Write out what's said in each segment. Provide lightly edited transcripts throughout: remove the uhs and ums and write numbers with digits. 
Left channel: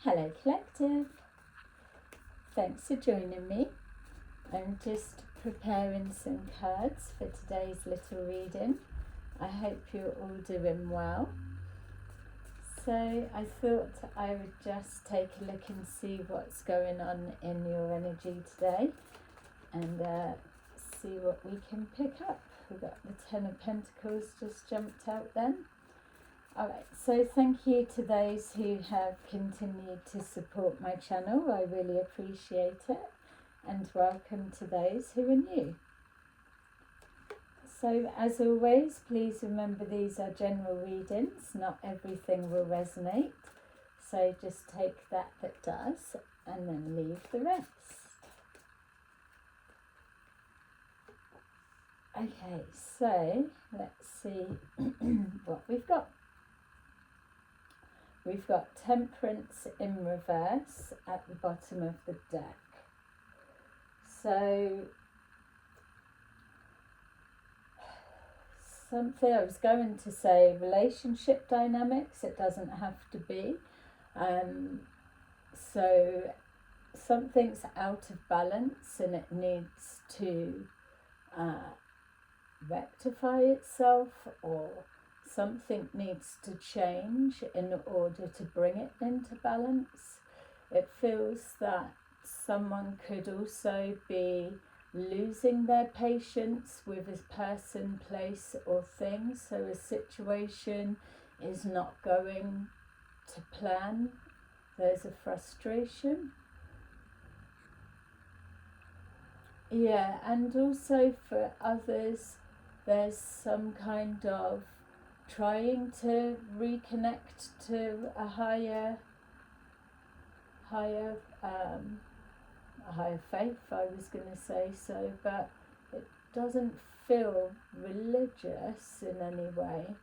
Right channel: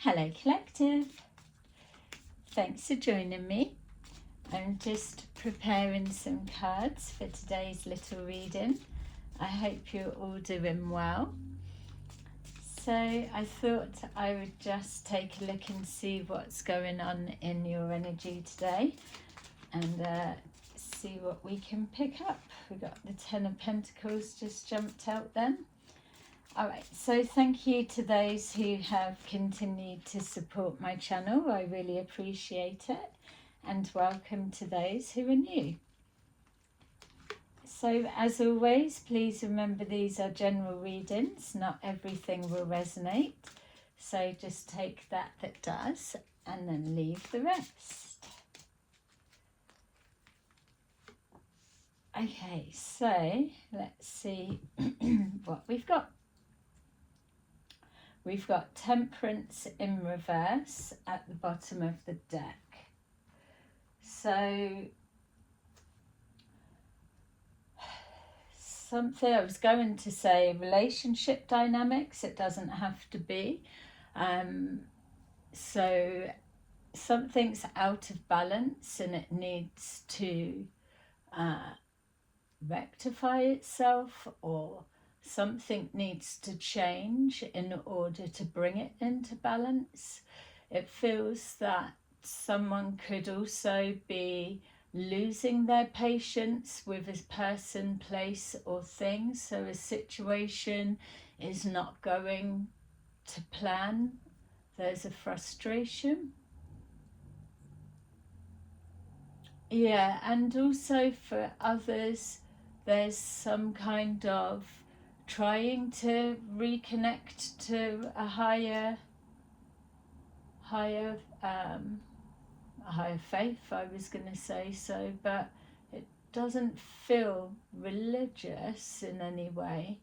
Hello Collective, thanks for joining me. I'm just preparing some cards for today's little reading. I hope you're all doing well. So I thought I would just take a look and see what's going on in your energy today and see what we can pick up. We've got the Ten of Pentacles just jumped out then. Alright, so thank you to those who have continued to support my channel. I really appreciate it. And welcome to those who are new. So as always, please remember these are general readings. Not everything will resonate. So just take that does and then leave the rest. Okay, so let's see what we've got. We've got Temperance in reverse at the bottom of the deck. So, something, I was going to say relationship dynamics, it doesn't have to be. So, something's out of balance and it needs to rectify itself, or something needs to change in order to bring it into balance. It feels that someone could also be losing their patience with a person, place or thing. So a situation is not going to plan. There's a frustration. Yeah, and also for others, there's some kind of trying to reconnect to a higher faith, I was going to say so, but it doesn't feel religious in any way.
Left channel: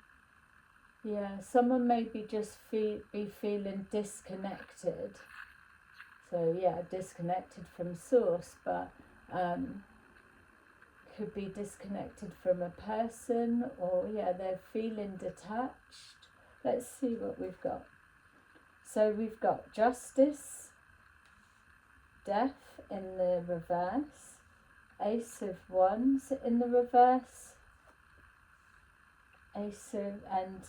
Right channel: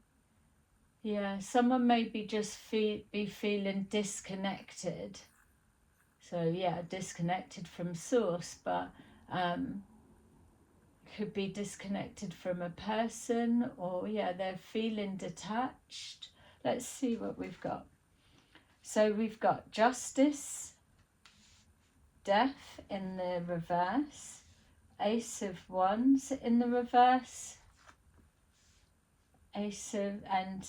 Yeah, someone maybe just be feeling disconnected. So yeah, disconnected from source, but could be disconnected from a person, or yeah, they're feeling detached. Let's see what we've got. So we've got Justice, Death in the reverse, Ace of Wands in the reverse, Ace of and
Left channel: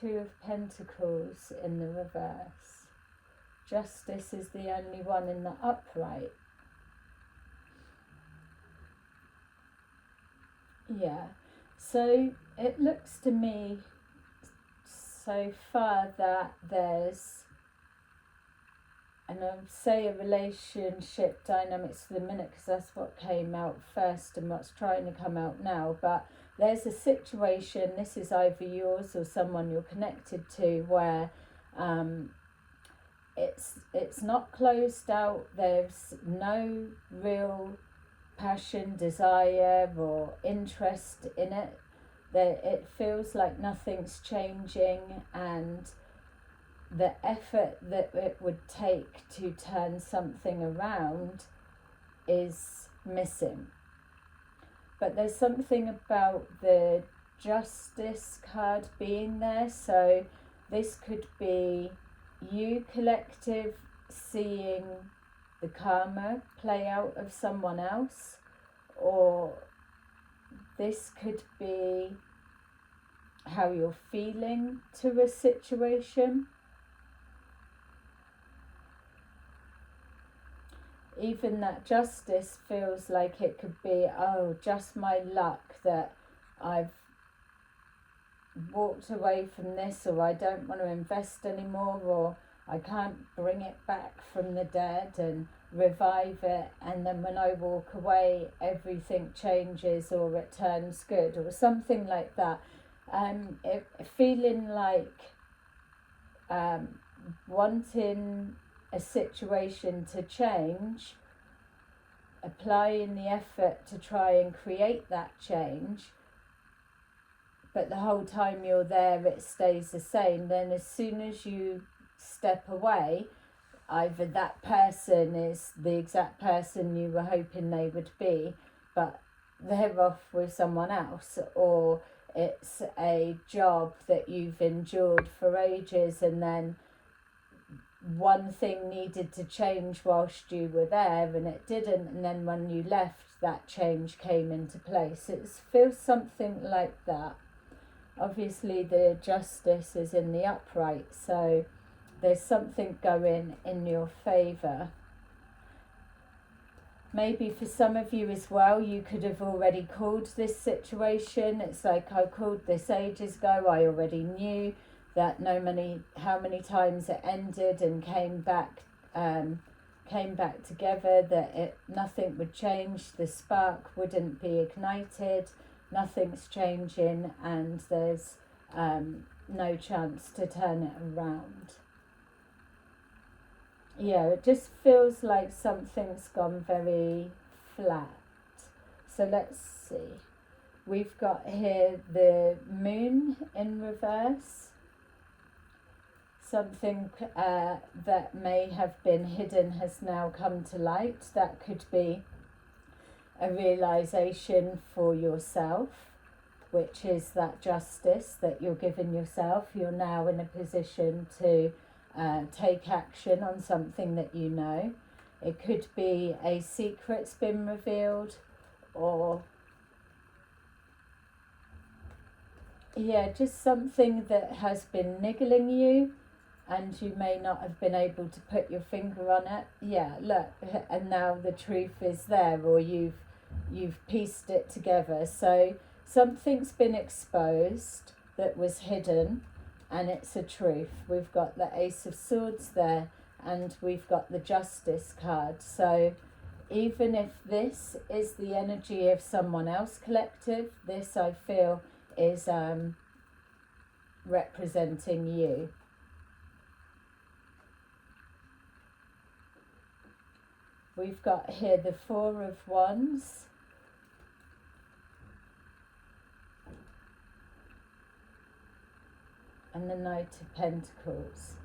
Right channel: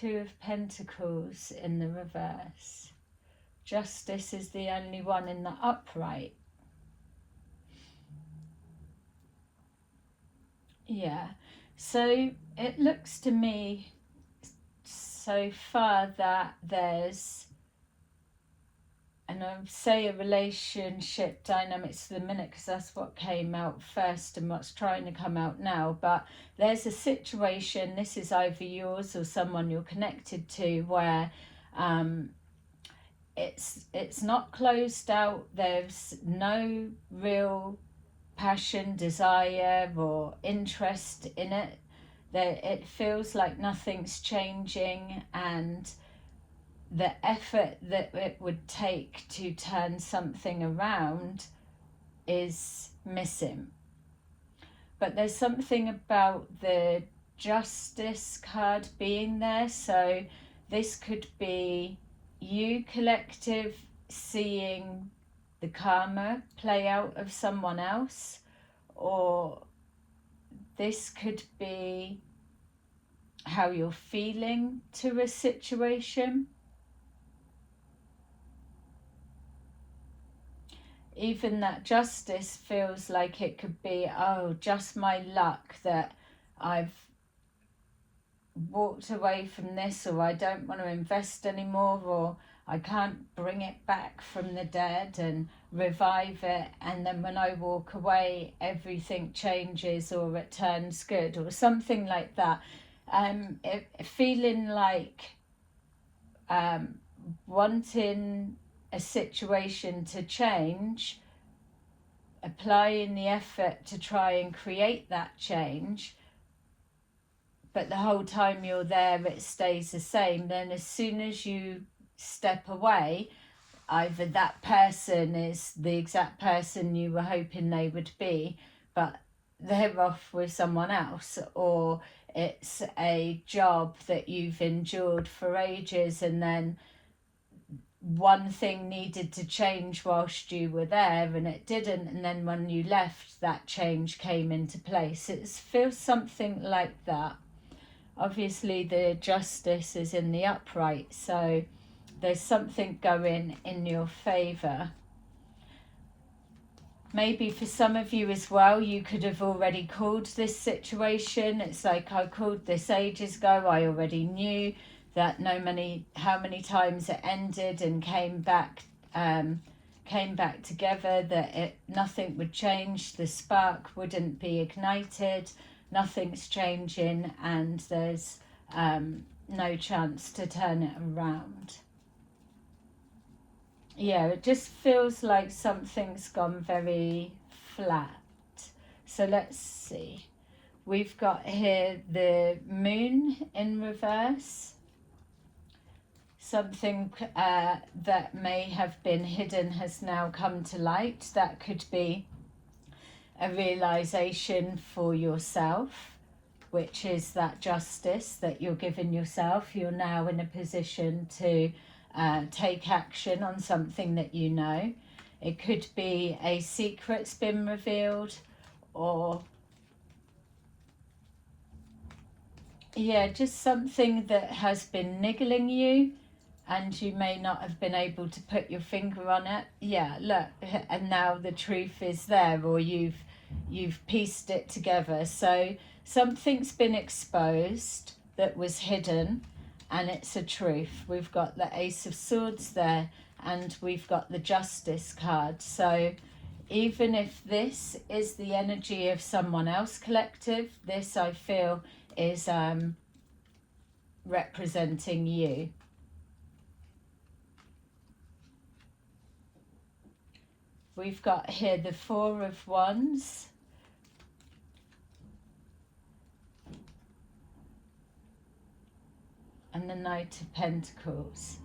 Two of Pentacles in the reverse. Justice is the only one in the upright. Yeah, so it looks to me so far that there's, and I'll say a relationship dynamics for the minute because that's what came out first and what's trying to come out now, but there's a situation, this is either yours or someone you're connected to, where it's not closed out, there's no real passion, desire or interest in it. That it feels like nothing's changing, and the effort that it would take to turn something around is missing. But there's something about the Justice card being there, so this could be you, collective, seeing the karma play out of someone else, or this could be how you're feeling to a situation. Even that Justice feels like it could be, oh, just my luck that I've walked away from this, or I don't want to invest anymore, or I can't bring it back from the dead and revive it, and then when I walk away everything changes or it turns good, or something like that. Feeling like wanting a situation to change, applying the effort to try and create that change, but the whole time you're there it stays the same. Then as soon as you step away, either that person is the exact person you were hoping they would be, but they're off with someone else, or it's a job that you've endured for ages and then one thing needed to change whilst you were there and it didn't, and then when you left that change came into place. It feels something like that. Obviously the justice is in the upright, so there's something going in your favour. Maybe for some of you as well, you could have already called this situation. It's like, I called this ages ago. I already knew that how many times it ended and came back together, that nothing would change, the spark wouldn't be ignited, nothing's changing, and there's no chance to turn it around. Yeah, it just feels like something's gone very flat. So let's see. We've got here the moon in reverse. Something that may have been hidden has now come to light. That could be a realization for yourself, which is that justice that you're giving yourself. You're now in a position to take action on something that you know. It could be a secret's been revealed, or yeah, just something that has been niggling you and you may not have been able to put your finger on it. Yeah, look, and now the truth is there, or you've pieced it together. So something's been exposed that was hidden, and it's a truth. We've got the Ace of Swords there, and we've got the Justice card. So even if this is the energy of someone else collective, this I feel is representing you. We've got here the Four of Wands. And the Knight of Pentacles.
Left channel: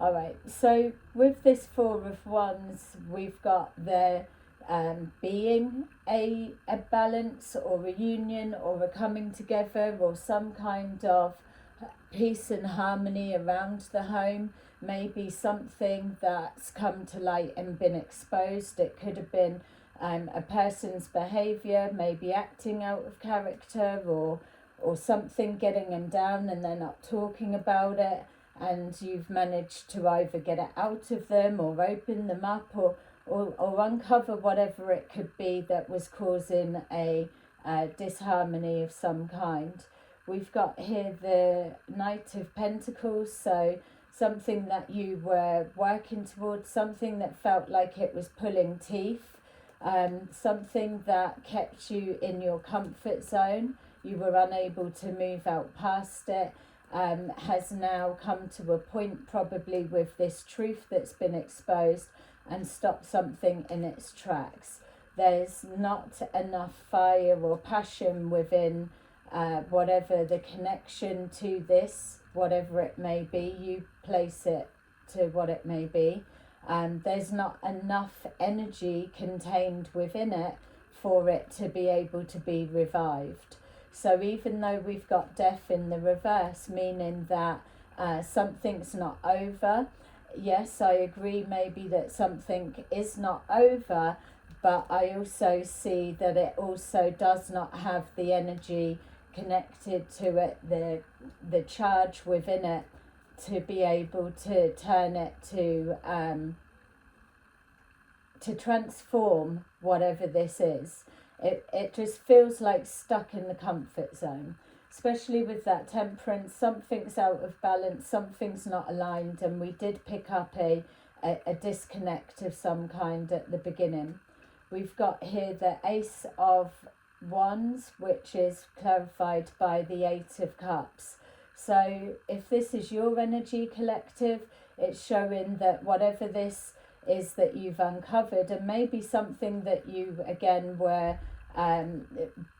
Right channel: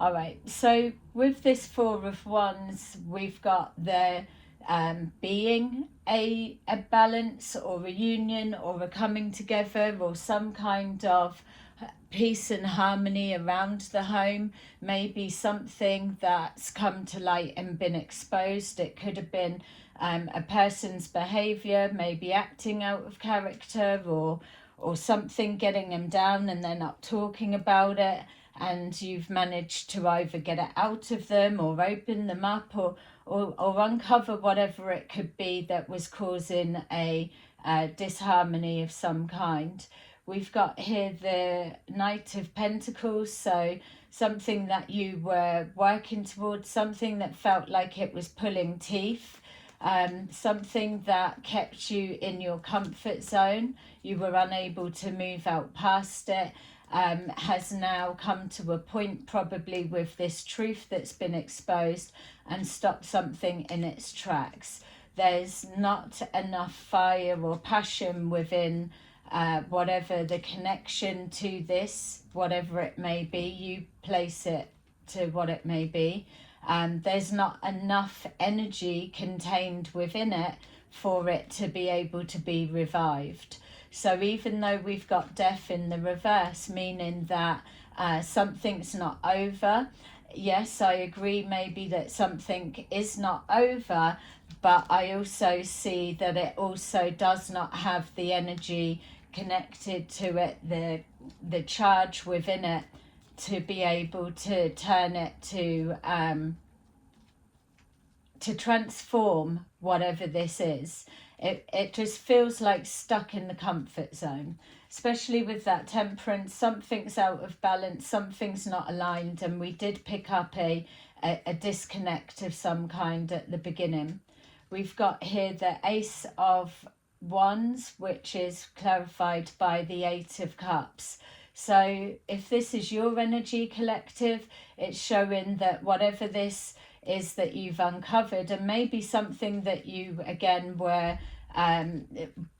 All right, so with this Four of Wands, we've got there being a balance or a union or a coming together or some kind of peace and harmony around the home. Maybe something that's come to light and been exposed. It could have been a person's behaviour, maybe acting out of character, or something getting them down and they're not talking about it, and you've managed to either get it out of them or open them up, or uncover whatever it could be that was causing a disharmony of some kind. We've got here the Knight of Pentacles, so something that you were working towards, something that felt like it was pulling teeth, something that kept you in your comfort zone. You were unable to move out past it, has now come to a point, probably with this truth that's been exposed, and stopped something in its tracks. There's not enough fire or passion within whatever the connection to this, whatever it may be, you place it to what it may be. There's not enough energy contained within it for it to be able to be revived. So even though we've got death in the reverse, meaning that something's not over, yes, I agree maybe that something is not over, but I also see that it also does not have the energy connected to it, the charge within it, to be able to turn it to transform whatever this is. It just feels like stuck in the comfort zone, especially with that Temperance. Something's out of balance, something's not aligned, and we did pick up a disconnect of some kind at the beginning. We've got here the Ace of Wands, which is clarified by the Eight of Cups. So if this is your energy collective, it's showing that whatever this is that you've uncovered, and maybe something that you again were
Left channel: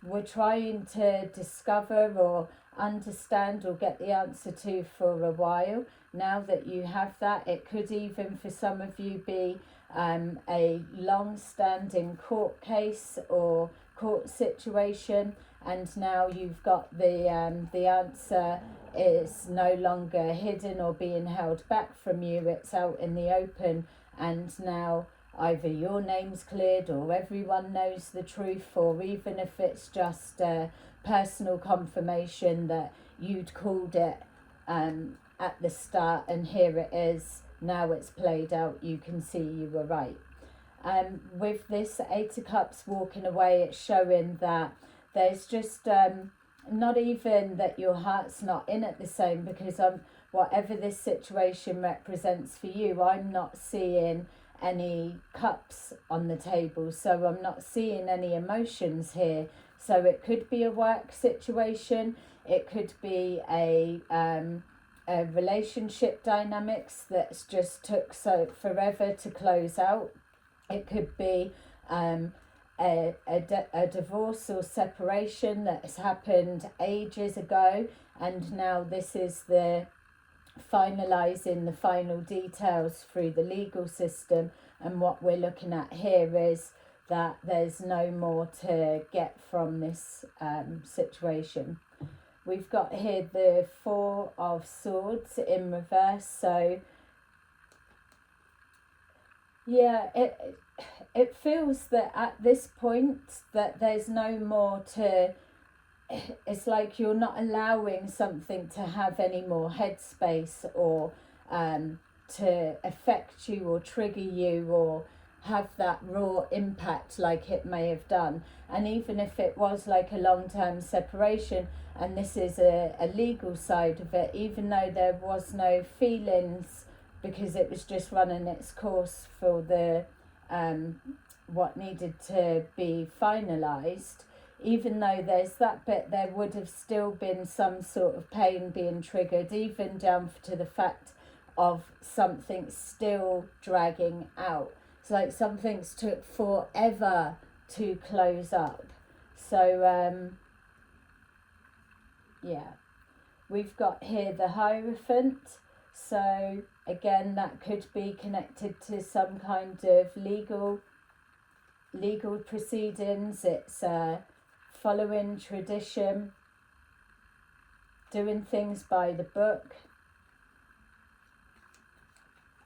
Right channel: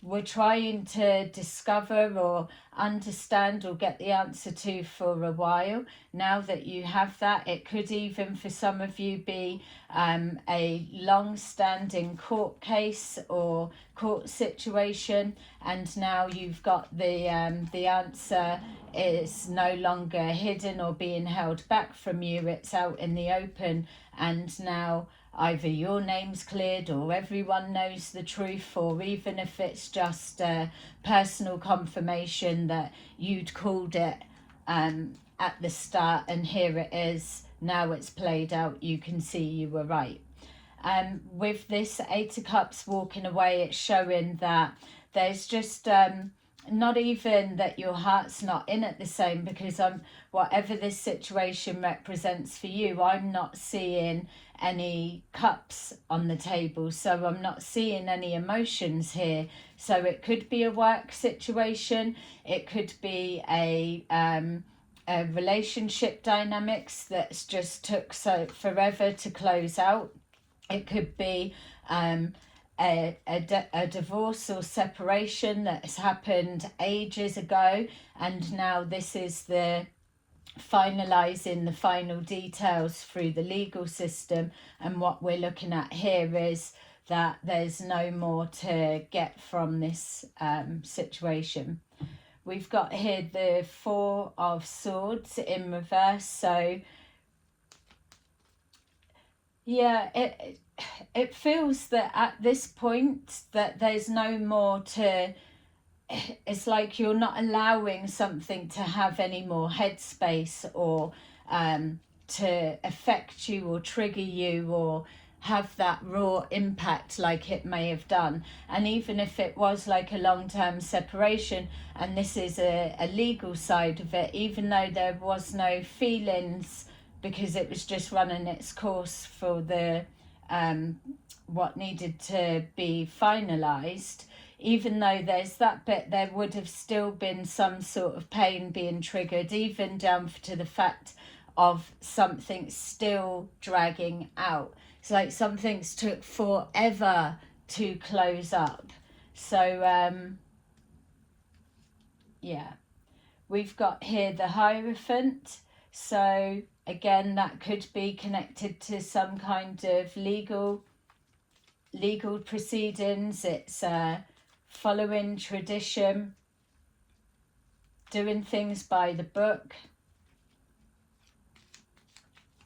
we're trying to discover or understand or get the answer to for a while. Now that you have that, it could even for some of you be a long-standing court case or court situation, and now you've got the answer is no longer hidden or being held back from you. It's out in the open, and now either your name's cleared or everyone knows the truth, or even if it's just personal confirmation that you'd called it at the start, and here it is, now it's played out, you can see you were right. With this Eight of Cups walking away, it's showing that there's just not even that your heart's not in it the same, because whatever this situation represents for you, I'm not seeing any cups on the table, so I'm not seeing any emotions here. So it could be a work situation, it could be a relationship dynamics that's just took so forever to close out. It could be a divorce or separation that has happened ages ago, and now this is the finalising the final details through the legal system. And what we're looking at here is that there's no more to get from this situation. We've got here the Four of Swords in reverse. So yeah, it feels that at this point that there's no more to, it's like you're not allowing something to have any more headspace or to affect you or trigger you or have that raw impact like it may have done. And even if it was like a long-term separation, and this is a legal side of it, even though there was no feelings because it was just running its course for the what needed to be finalized, even though there's that bit, there would have still been some sort of pain being triggered, even down to the fact of something still dragging out. It's like something's took forever to close up. So yeah, we've got here the Hierophant. So again, that could be connected to some kind of legal proceedings. It's following tradition, doing things by the book.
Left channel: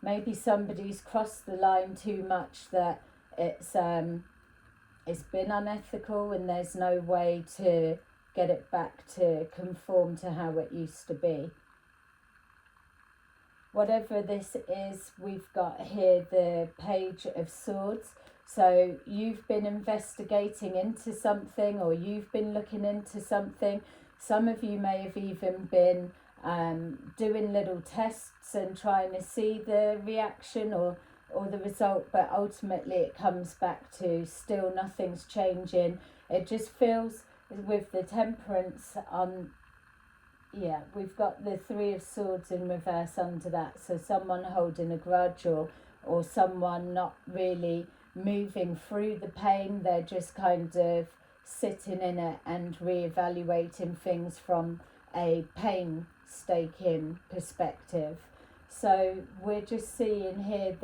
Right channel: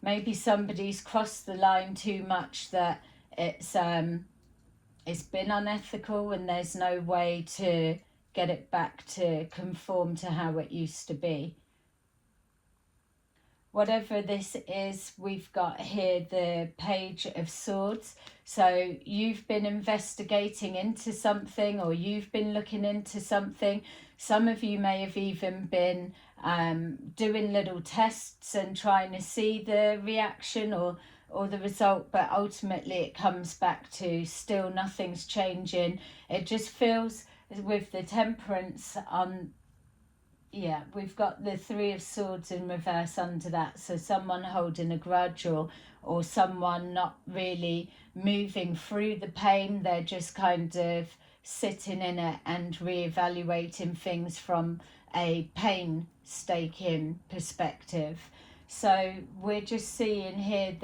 Maybe somebody's crossed the line too much, that it's been unethical and there's no way to get it back to conform to how it used to be. Whatever this is, we've got here the Page of Swords. So you've been investigating into something, or you've been looking into something. Some of you may have even been doing little tests and trying to see the reaction or the result, but ultimately it comes back to still nothing's changing. It just feels with the Temperance on, yeah, we've got the Three of Swords in reverse under that. So someone holding a grudge, or someone not really moving through the pain. They're just kind of sitting in it and reevaluating things from a painstaking perspective. So we're just seeing here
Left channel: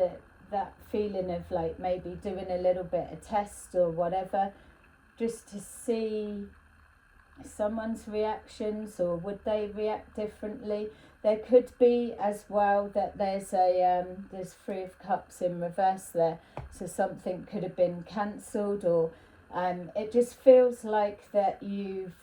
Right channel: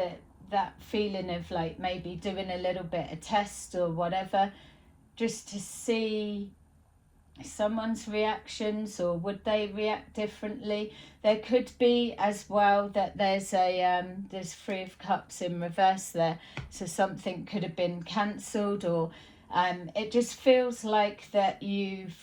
that feeling of like maybe doing a little bit of test or whatever, just to see someone's reactions, or would they react differently. There could be as well that there's Three of Cups in reverse there, so something could have been cancelled, or it just feels like that you've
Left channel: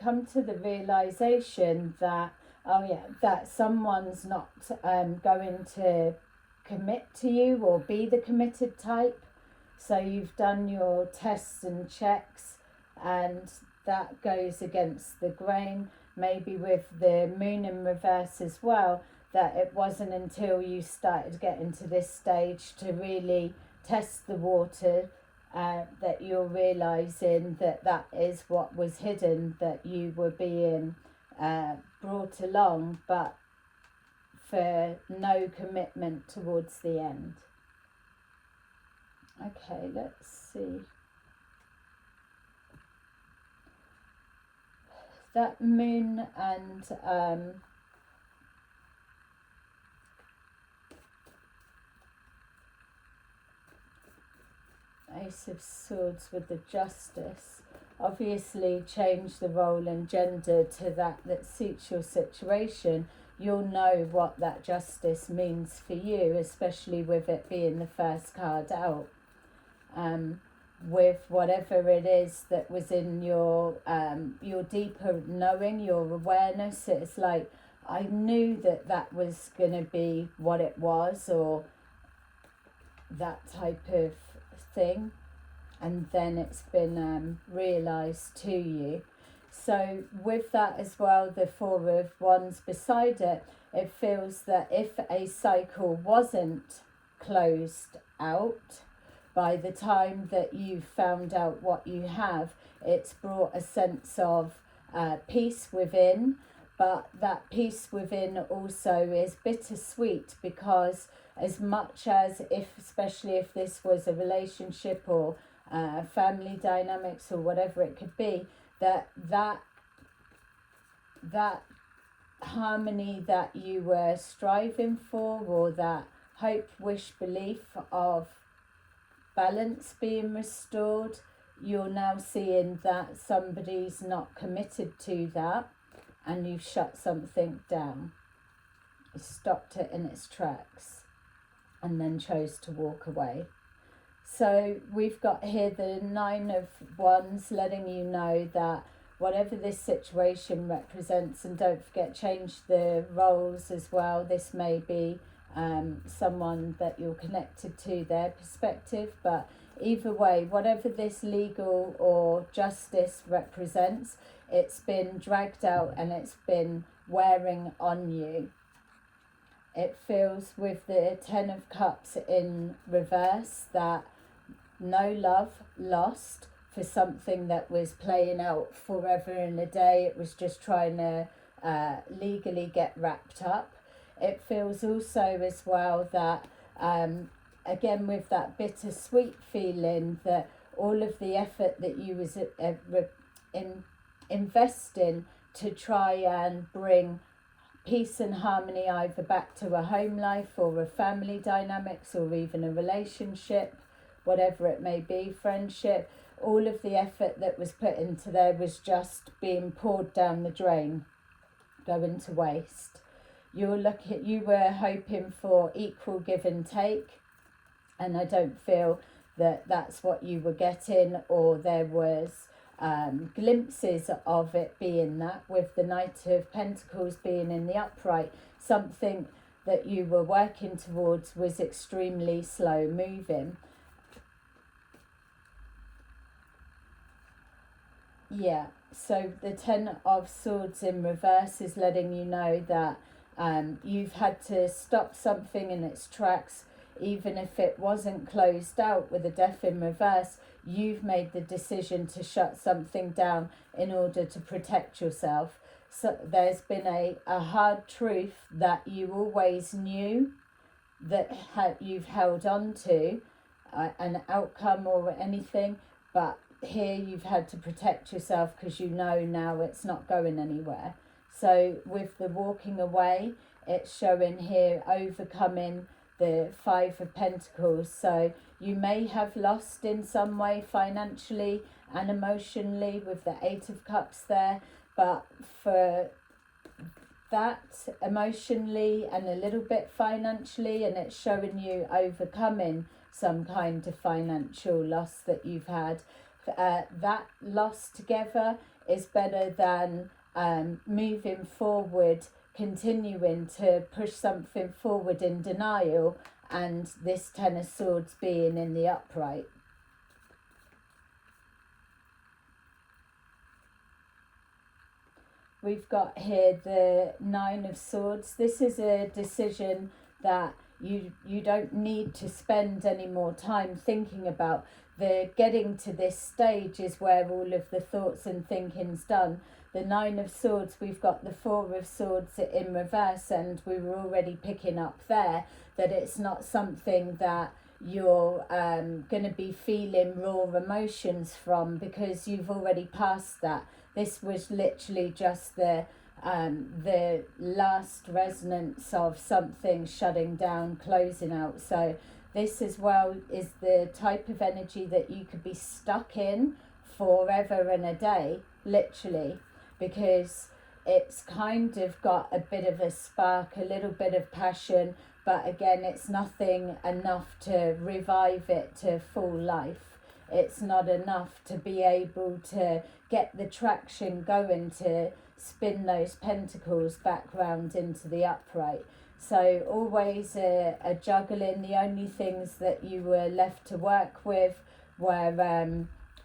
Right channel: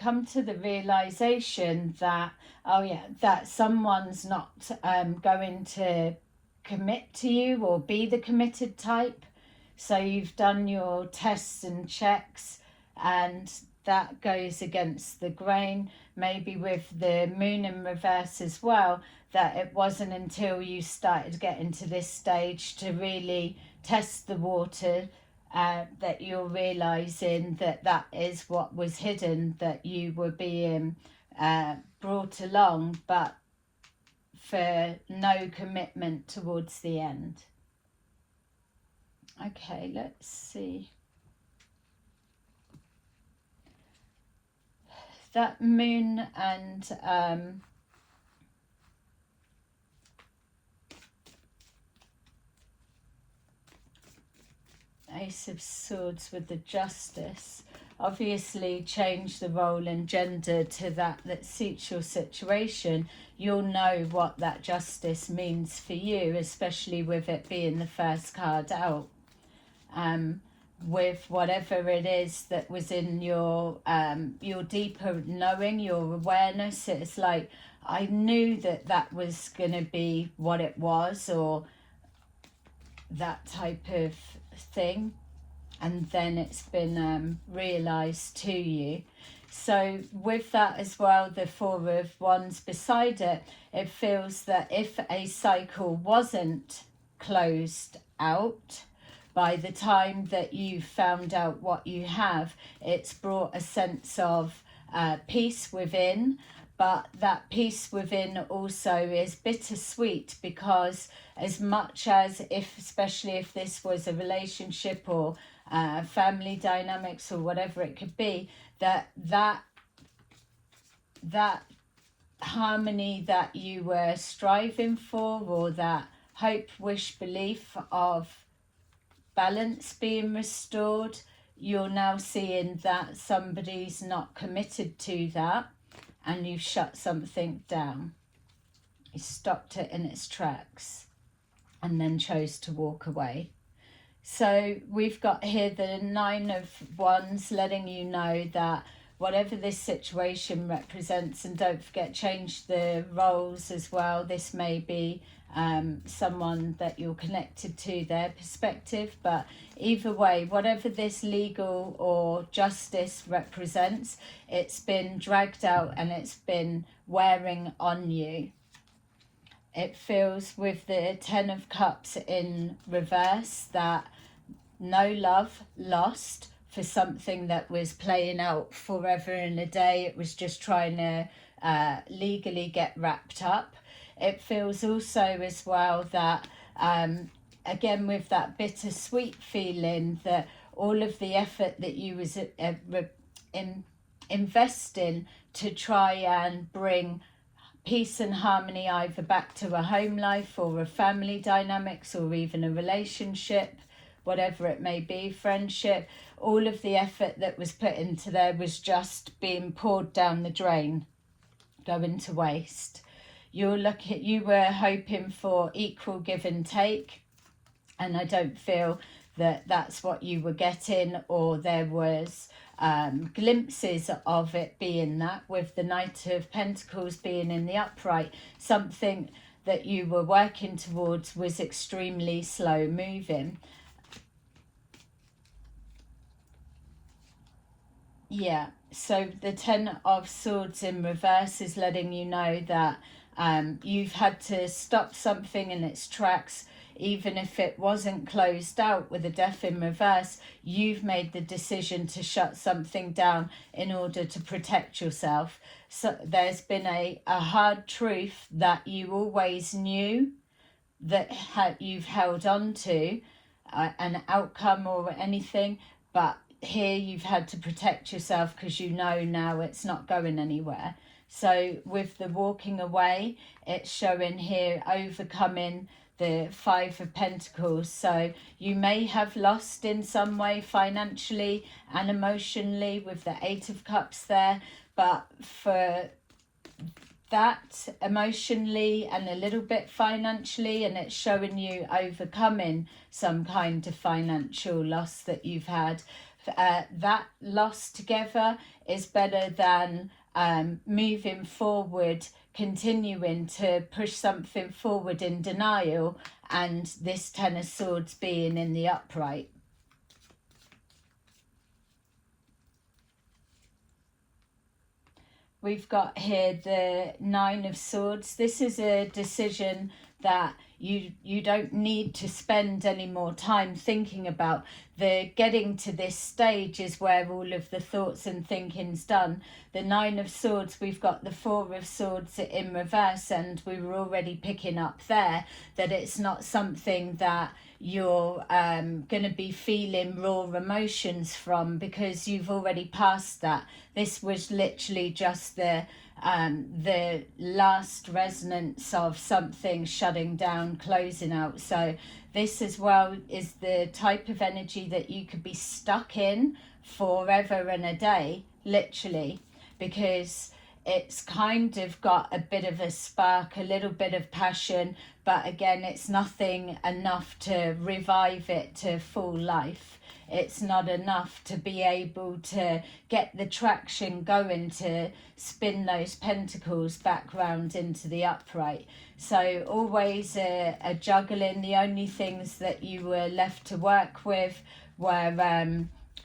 come to the realization that, oh yeah, that someone's not going to commit to you or be the committed type. So you've done your tests and checks, and that goes against the grain. Maybe with the Moon in reverse as well, that it wasn't until you started getting to this stage to really test the water that you're realizing that is what was hidden, that you were being brought along, but for no commitment towards the end. Okay, let's see. That moon and Ace of Swords with the Justice obviously change the role and gender to that suits your situation. You'll know what that justice means for you, especially with it being the first card out. With whatever it is that was in your deeper knowing, your awareness, it's like, I knew that was going to be what it was, or that type of thing, and then it's been realized to you. So with that as well, the Four of Wands beside it, it feels that if a cycle wasn't closed out by the time that you found out what you have, it's brought a sense of peace within. But that peace within also is bittersweet, because as much as, especially if this was a relationship or family dynamics or whatever it could be, that harmony that you were striving for, or that hope, wish, belief of balance being restored, you're now seeing that somebody's not committed to that, and you've shut something down. You stopped it in its tracks and then chose to walk away. So we've got here the Nine of Wands, letting you know that whatever this situation represents, and don't forget, change the roles as well. This may be someone that you're connected to, their perspective, but either way, whatever this legal or justice represents, it's been dragged out and it's been wearing on you. It feels with the Ten of Cups in reverse that no love lost for something that was playing out forever and a day. It was just trying to legally get wrapped up. It feels also as well that, again, with that bittersweet feeling, that all of the effort that you was investing to try and bring peace and harmony either back to a home life or a family dynamics or even a relationship, whatever it may be, friendship, all of the effort that was put into there was just being poured down the drain, going to waste. You were hoping for equal give and take, and I don't feel that that's what you were getting, or there was glimpses of it being that, with the Knight of Pentacles being in the upright. Something that you were working towards was extremely slow moving. Yeah, so the Ten of Swords in reverse is letting you know that you've had to stop something in its tracks. Even if it wasn't closed out with a Death in reverse, you've made the decision to shut something down in order to protect yourself. So there's been a hard truth that you always knew that you've held on to, an outcome or anything, but here you've had to protect yourself because you know now it's not going anywhere. So with the walking away, it's showing here overcoming the Five of Pentacles. So you may have lost in some way financially and emotionally with the Eight of Cups there, but for that emotionally and a little bit financially, and it's showing you overcoming some kind of financial loss that you've had. That loss together is better than moving forward, continuing to push something forward in denial, and this Ten of Swords being in the upright. We've got here the Nine of Swords. This is a decision that you don't need to spend any more time thinking about. The getting to this stage is where all of the thoughts and thinking's done. The Nine of Swords, we've got the Four of Swords in reverse, and we were already picking up there that it's not something that you're going to be feeling raw emotions from, because you've already passed that. This was literally just the last resonance of something shutting down, closing out. So this as well is the type of energy that you could be stuck in forever and a day, literally, because it's kind of got a bit of a spark, a little bit of passion, but again, it's nothing enough to revive it to full life. It's not enough to be able to get the traction going to spin those pentacles back round into the upright. So always a juggling. The only things that you were left to work with were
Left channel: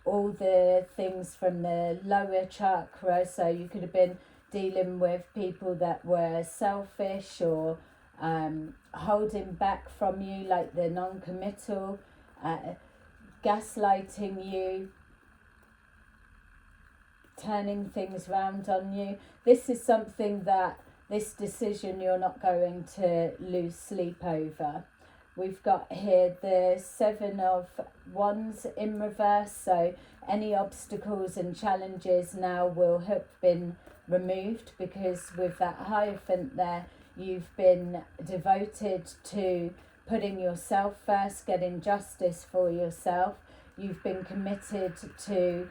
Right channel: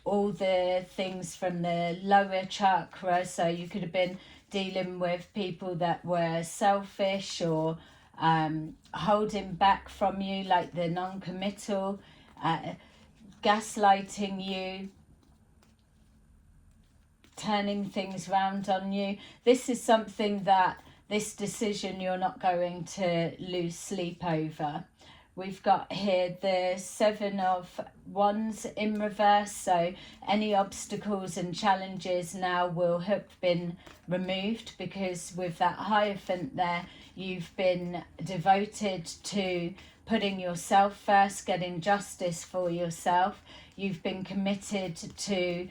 all the things from the lower chakra. So you could have been dealing with people that were selfish or holding back from you, like the non-committal, gaslighting you, turning things round on you. This is something that, this decision, you're not going to lose sleep over. We've got here the Seven of Wands in reverse, so any obstacles and challenges now will have been removed, because with that Hierophant there, you've been devoted to putting yourself first, getting justice for yourself. You've been committed to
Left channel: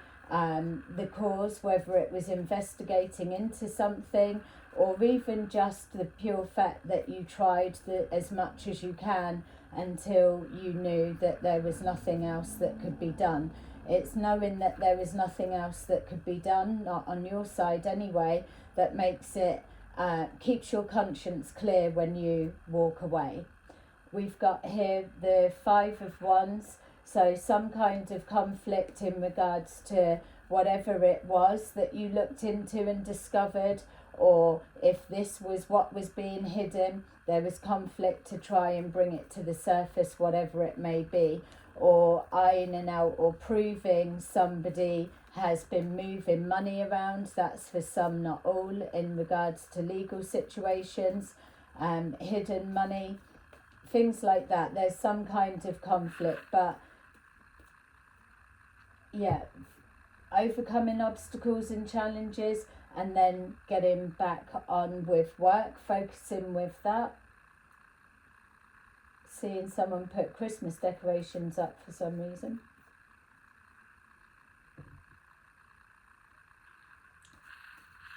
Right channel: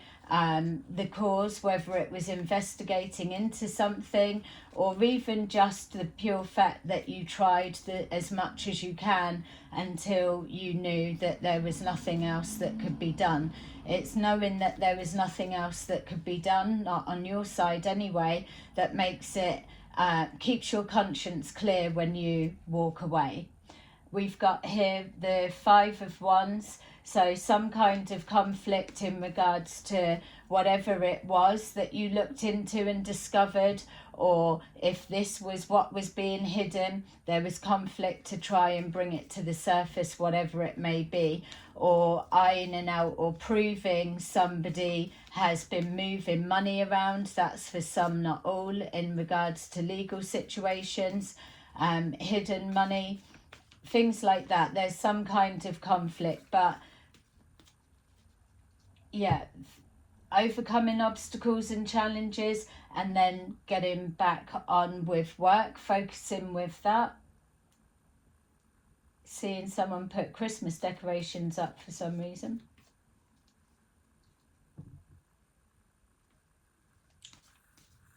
the cause, whether it was investigating into something or even just the pure fact that you tried as much as you can until you knew that there was nothing else that could be done. It's knowing that there is nothing else that could be done, not on your side anyway, that makes it, keeps your conscience clear when you walk away. We've got here the Five of Wands, so some kind of conflict in regards to whatever it was that you looked into and discovered, or if this was what was being hidden, there was conflict to try and bring it to the surface, whatever it may be, or ironing out or proving somebody has been moving money around. That's for some, not all, in regards to legal situations, hidden money, things like that. There's some kind of conflict, but yeah, overcoming obstacles and challenges and then getting back on with work, focusing with that. Seeing someone put Christmas decorations up for some reason.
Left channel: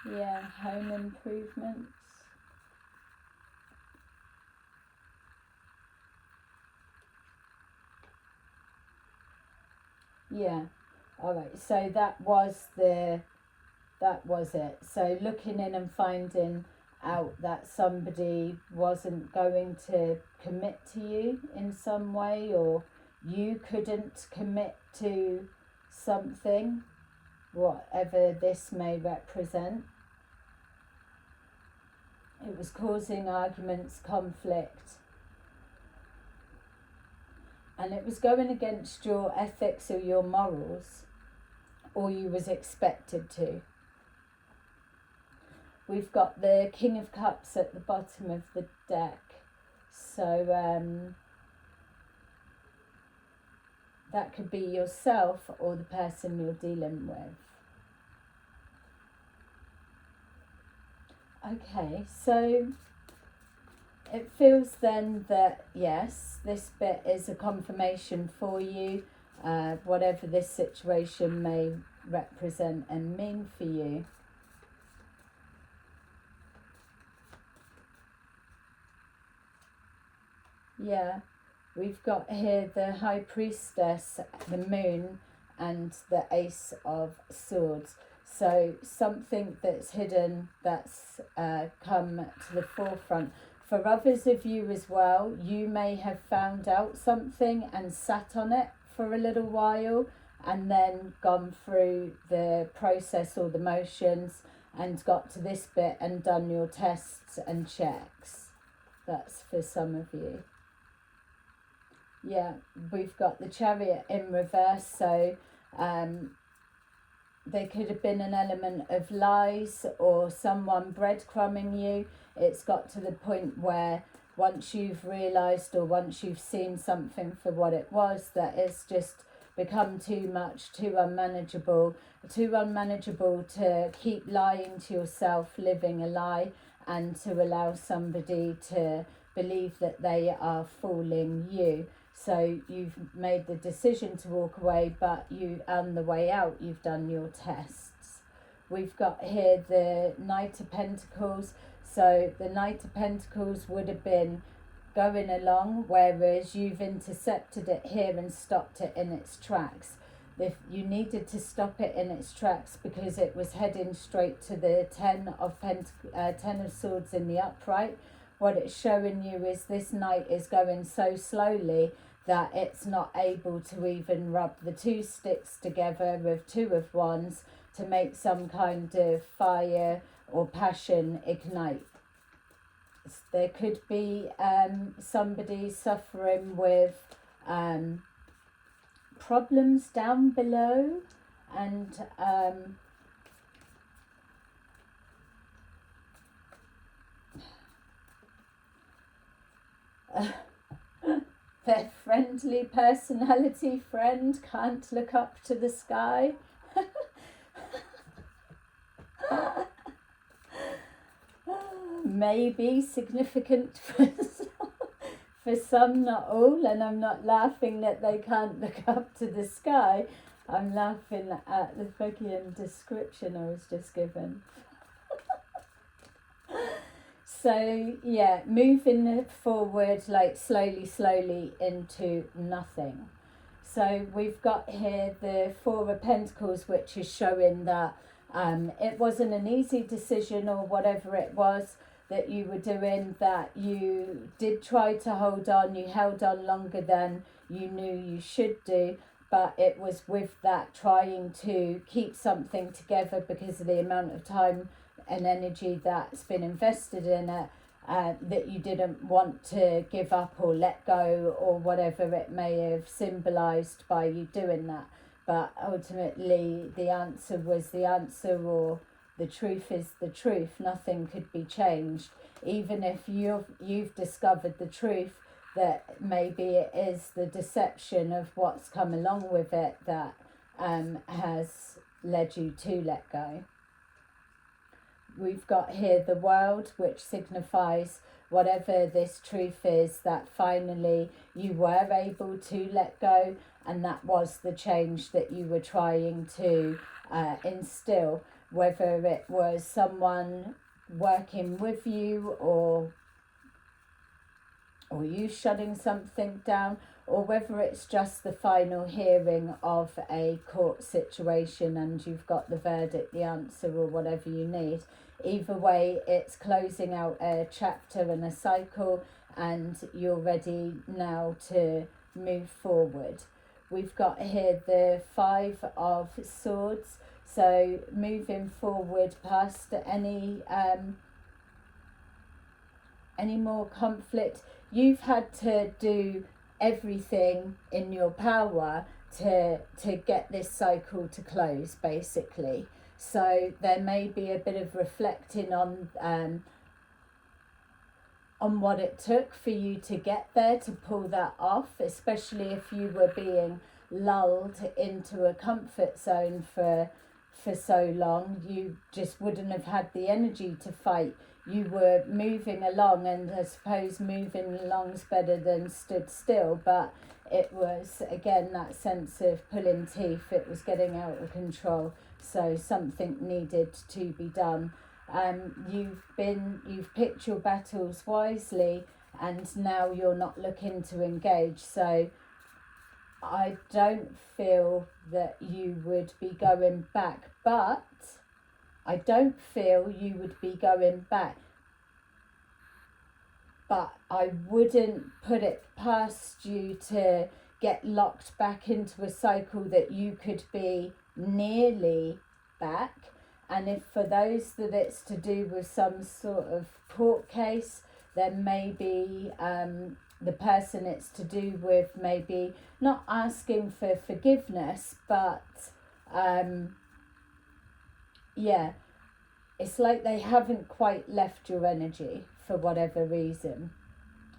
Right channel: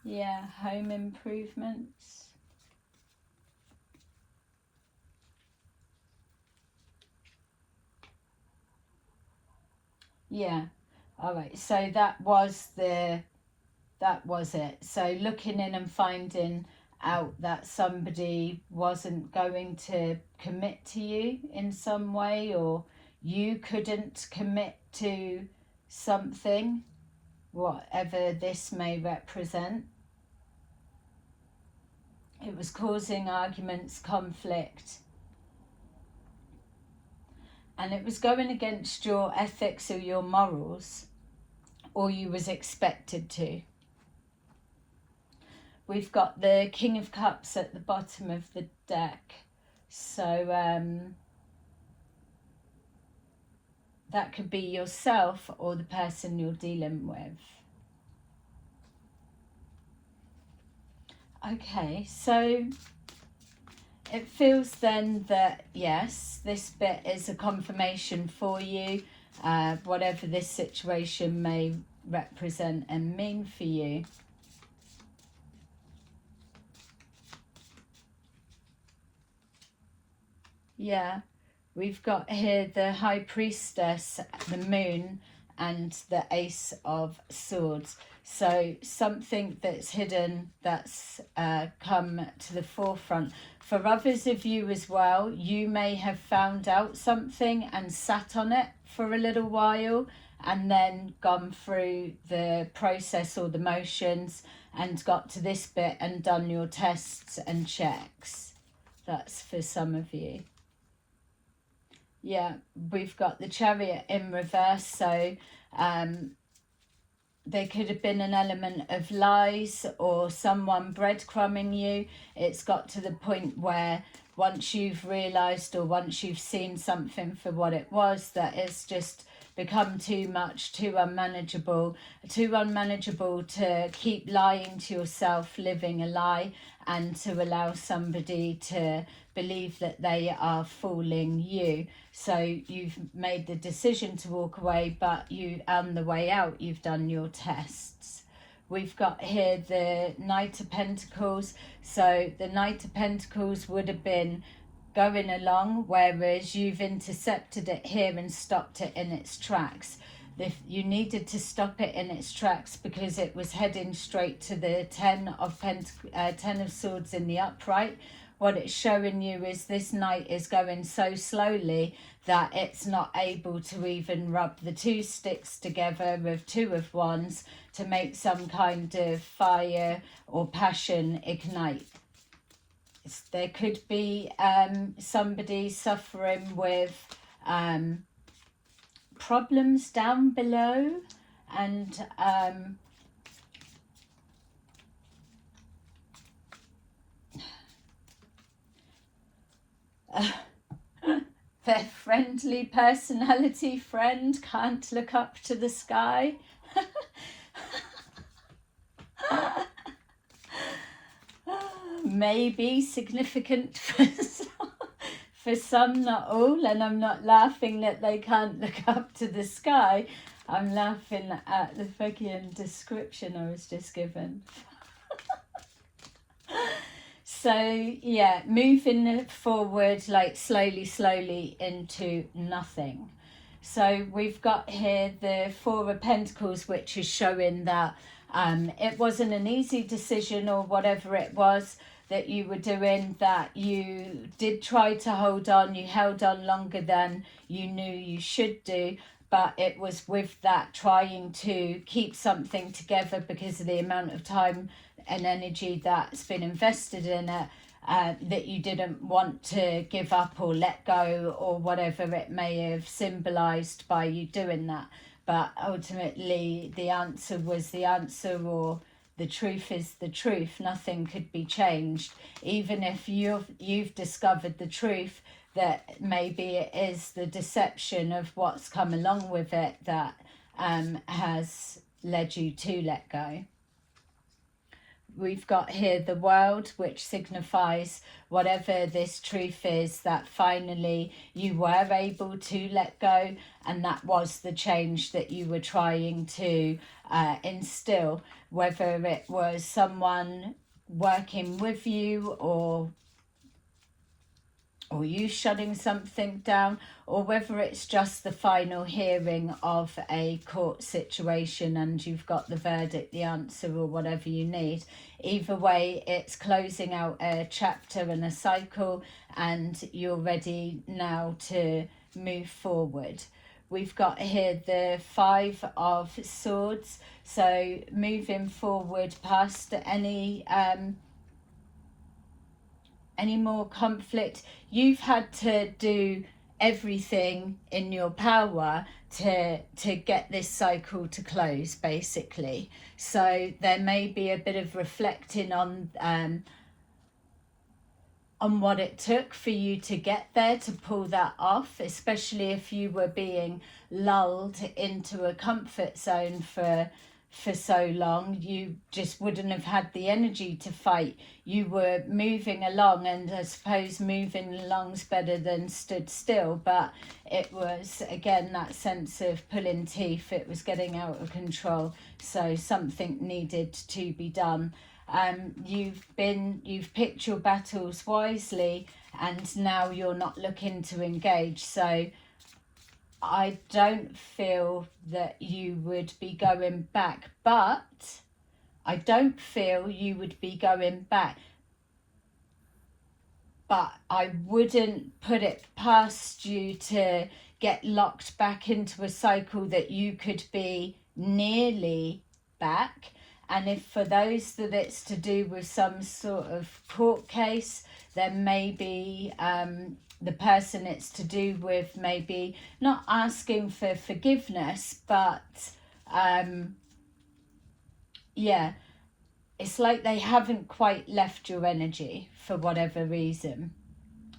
Yeah, home improvements. Yeah, all right, so that was it. So looking in and finding out that somebody wasn't going to commit to you in some way, or you couldn't commit to something, whatever this may represent. It was causing arguments, conflict, and it was going against your ethics or your morals, or you was expected to. We've got the King of Cups at the bottom of the deck. So that could be yourself or the person you're dealing with. Okay, so it feels then that, yes, this bit is a confirmation for you, whatever this situation may represent and mean for you. Yeah, we've got here the High Priestess, the Moon, and the Ace of Swords. So something that's hidden, that's come to the forefront. For others of you as well, you may have found out something and sat on it for a little while and then gone through the process or the motions and got to this bit and done your tests and checks. That's for some of you. Yeah, we've got the Chariot in reverse, so there could have been an element of lies or someone breadcrumbing you. It's got to the point where once you've realised or once you've seen something for what it was, that it's just become too much, too unmanageable to keep lying to yourself, living a lie, and to allow somebody to believe that they are fooling you. So you've made the decision to walk away, but you, on the way out, you've done your tests. We've got here the Knight of Pentacles. So the Knight of Pentacles would have been going along, whereas you've intercepted it here and stopped it in its tracks. If you needed to stop it in its tracks because it was heading straight to the Ten of Swords in the upright. What it's showing you is this knight is going so slowly that it's not able to even rub the two sticks together with two of wands to make some kind of fire or passion ignite. There could be somebody suffering with problems down below, and their friendly personality friend can't look up to the sky. Maybe significant for some, not all, and I'm not laughing that they can't look up to the sky. I'm laughing at the fucking description I was just given. So yeah, moving forward like slowly into nothing. So we've got here the Four of Pentacles, which is showing that it wasn't an easy decision, or whatever it was that you were doing, that you did try to hold on. You held on longer than you knew you should do, but it was with that trying to keep something together because of the amount of time and energy that's been invested in it, that you didn't want to give up or let go, or whatever it may have symbolized by you doing that. But ultimately the answer was the answer, or the truth is the truth. Nothing could be changed. Even if you've discovered the truth, that maybe it is the deception of what's come along with it that has led you to let go. We've got here the World, which signifies whatever this truth is, that finally you were able to let go, and that was the change that you were trying to instill, whether it was someone working with you, or you shutting something down, or whether it's just the final hearing of a court situation and you've got the verdict, the answer, or whatever you need. Either way, it's closing out a chapter and a cycle, and you're ready now to move forward. We've got here the Five of Swords, so moving forward past any more conflict. You've had to do everything in your power to get this cycle to close, basically. So there may be a bit of reflecting on what it took for you to get there, to pull that off, especially if you were being lulled into a comfort zone for so long. You just wouldn't have had the energy to fight. You were moving along, and I suppose moving along's better than stood still, but it was again that sense of pulling teeth. It was getting out of control, so something needed to be done. You've picked your battles wisely, and now you're not looking to engage. So I don't feel that you would be going back, but I don't feel you would be going back. But I wouldn't put it past you to get locked back into a cycle that you could be nearly back, And if for those that it's to do with some sort of court case, then maybe the person it's to do with maybe not asking for forgiveness, but yeah, it's like they haven't quite left your energy for whatever reason.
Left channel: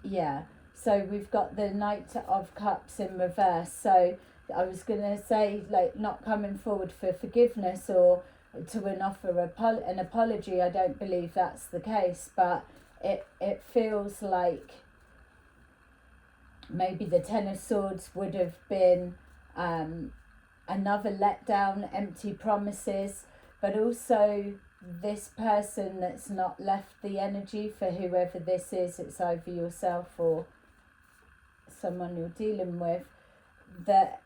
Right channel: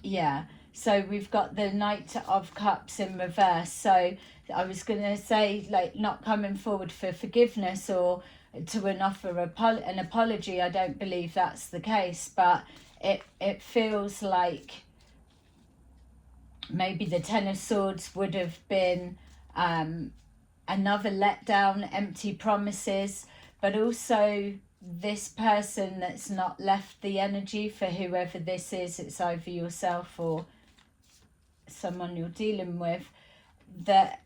Yeah, so we've got the Knight of Cups in reverse. So I was going to say, like, not coming forward for forgiveness or to an offer an apology. I don't believe that's the case, but it feels like maybe the Ten of Swords would have been another letdown, empty promises, but also this person that's not left the energy for whoever this is. It's either yourself or someone you're dealing with, that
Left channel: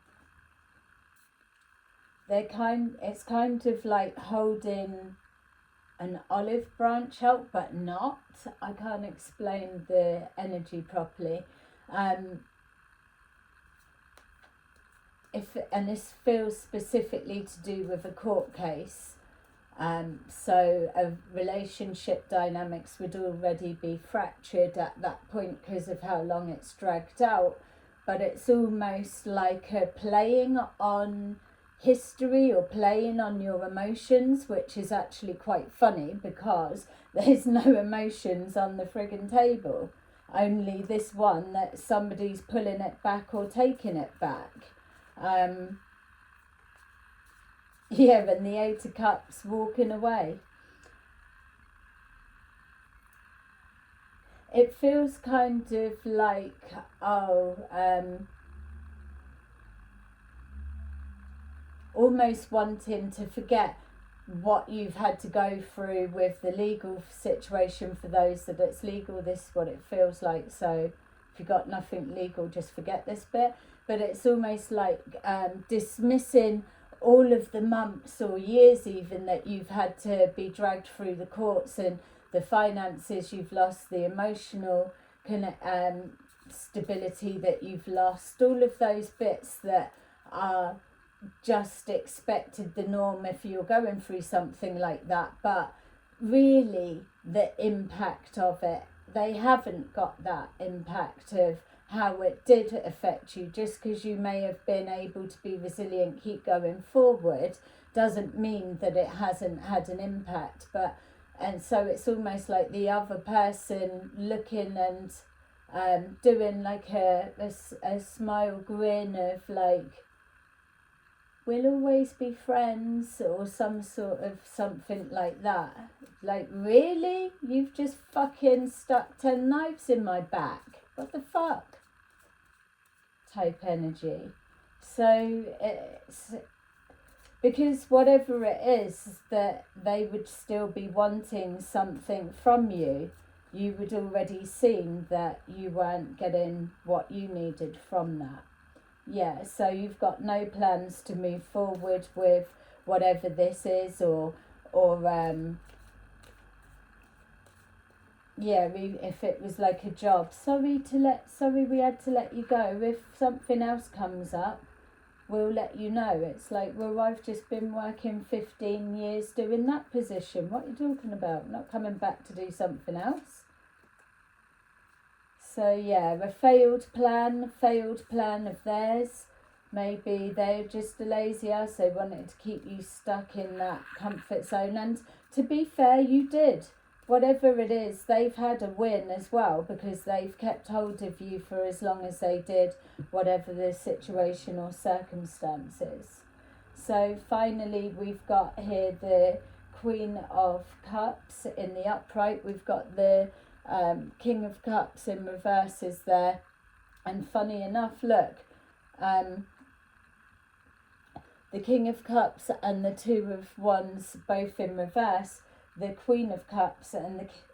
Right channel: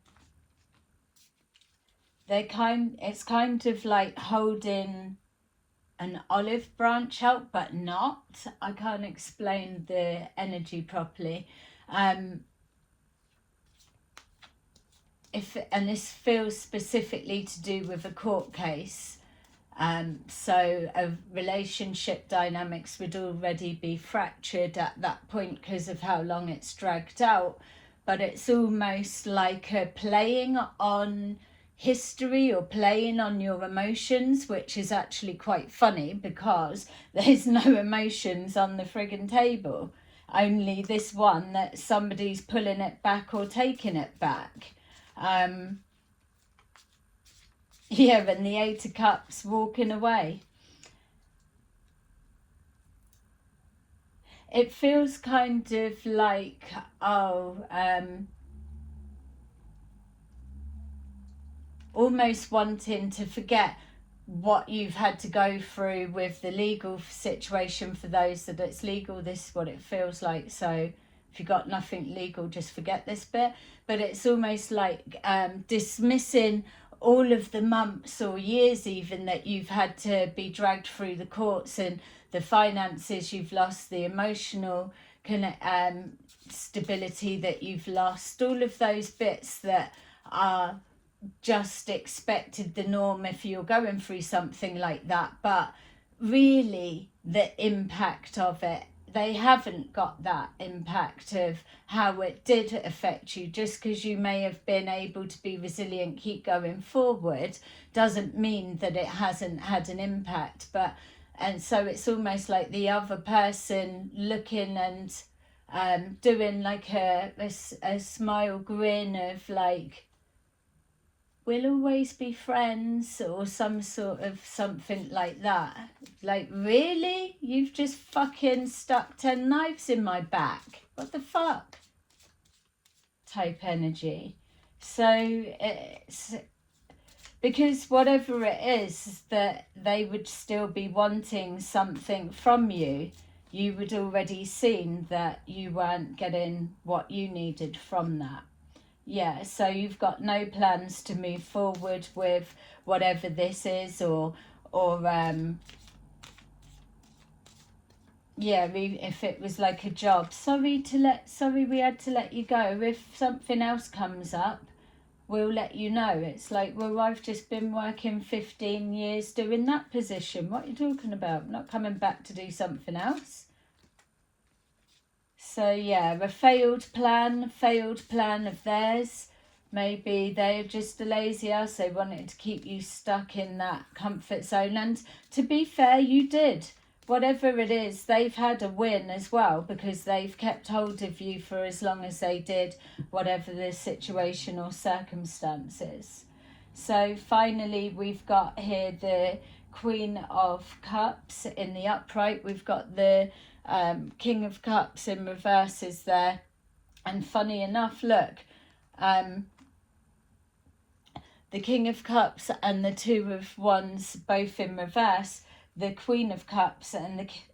it's kind of like holding an olive branch out, but not. I can't explain the energy properly. And this feels specifically to do with a court case. So a relationship dynamics would already be fractured at that point because of how long it's dragged out. But it's almost like a playing on history or playing on your emotions, which is actually quite funny because there's no emotions on the friggin' table. Only this one that somebody's pulling it back or taking it back. Yeah, and the Eight of Cups walking away. It feels kind of like, almost wanting to forget what you've had to go through with the legal situation. For those that it's legal, this is what it feels like. So if you've got nothing legal, just forget this bit. But it's almost like dismissing all of the months or years even that you've had to be dragged through the courts, and the finances you've lost, the emotional stability that you've lost, all of those bits that are just expected, the norm if you're going through something like that. But really the impact of it, they haven't got that impact of how it did affect you. Just because you may have been able to be resilient, keep going forward, doesn't mean that it hasn't had an impact. And so it's almost like the other person looking and doing like a smile grin of like, we'll always be friends, or some sort of something like that. Like, really? You've just fucking stuck 10 knives in my back. What the fuck? Type energy. So it's because whatever it is that they would still be wanting something from you, you would already seen that you weren't getting what you needed from that. Yeah, so you've got no plans to move forward with whatever this is, or yeah, if it was like a job, sorry we had to let you go. If something else comes up, we'll let you know. It's like, well, I've just been working 15 years doing that position. What are you talking about? I'm not coming back to do something else. So yeah, a failed plan of theirs. Maybe they're just a lazy ass. They wanted to keep you stuck in that comfort zone. And to be fair, you did. Whatever it is, they've had a win as well, because they've kept hold of you for as long as they did, whatever the situation or circumstances. So finally, we've got here the Queen of Cups in the upright. We've got the King of Cups in reverse is there. And funny enough, look, the King of Cups and the Two of Wands both in reverse, the Queen of Cups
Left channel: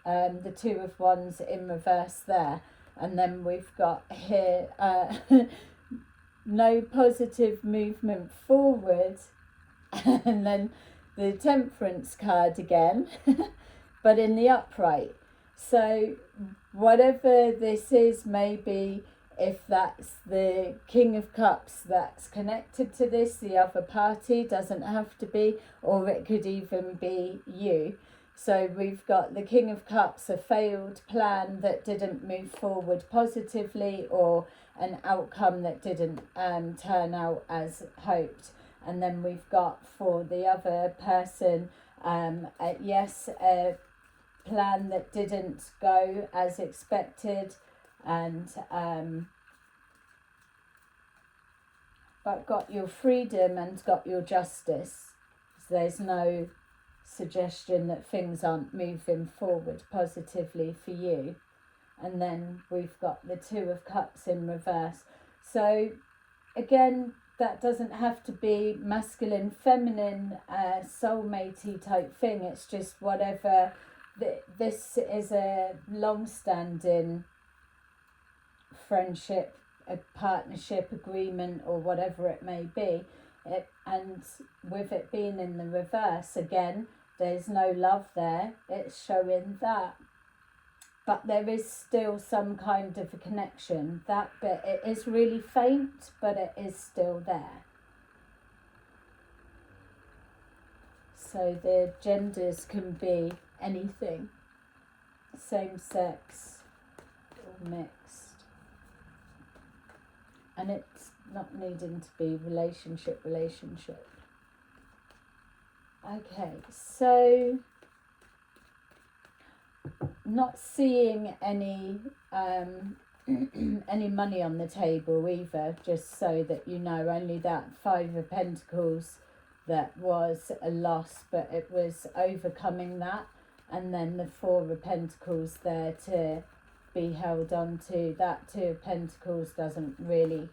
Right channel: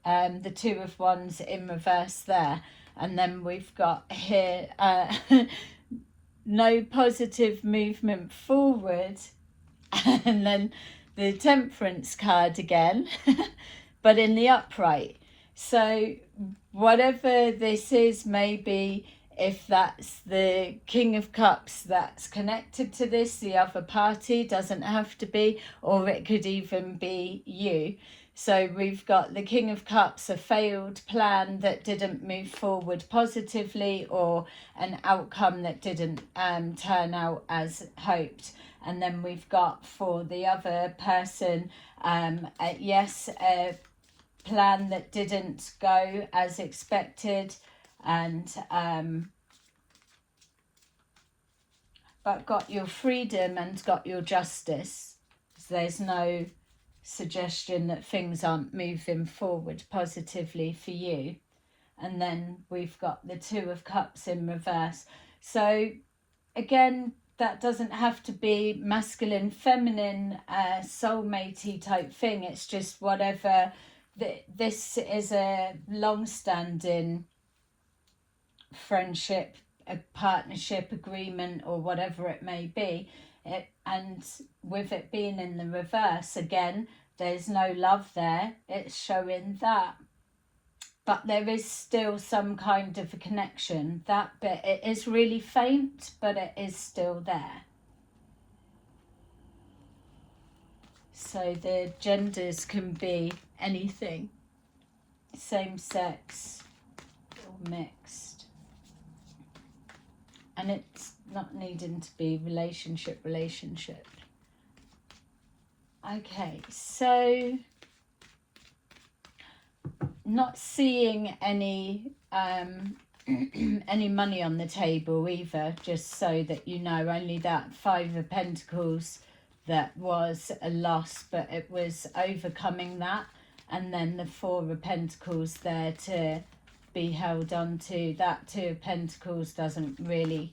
and the Two of Wands in reverse there. And then we've got here no positive movement forward, and then the Temperance card again, but in the upright. So whatever this is, maybe if that's the King of Cups that's connected to this, the other party, doesn't have to be, or it could even be you. So we've got the King of Cups, a failed plan that didn't move forward positively, or an outcome that didn't turn out as hoped. And then we've got, for the other person, a plan that didn't go as expected, and but got your freedom and got your justice. So there's no suggestion that things aren't moving forward positively for you. And then we've got the Two of Cups in reverse. So again, that doesn't have to be masculine, feminine, soulmatey type thing. It's just whatever. This is a long-standing friendship, a partnership, agreement, or whatever it may be. And with it being in the reverse, again, there's no love there. It's showing that. But there is still some kind of a connection. That bit, it is really faint, but it is still there. So the genders can be anything. Same sex or mixed. And it's not needing to be relationship. Okay, so not seeing any any money on the table either, just so that you know. Only that Five of Pentacles that was a loss, but it was overcoming that, and then the Four of Pentacles there to be held on to. That Two of Pentacles doesn't really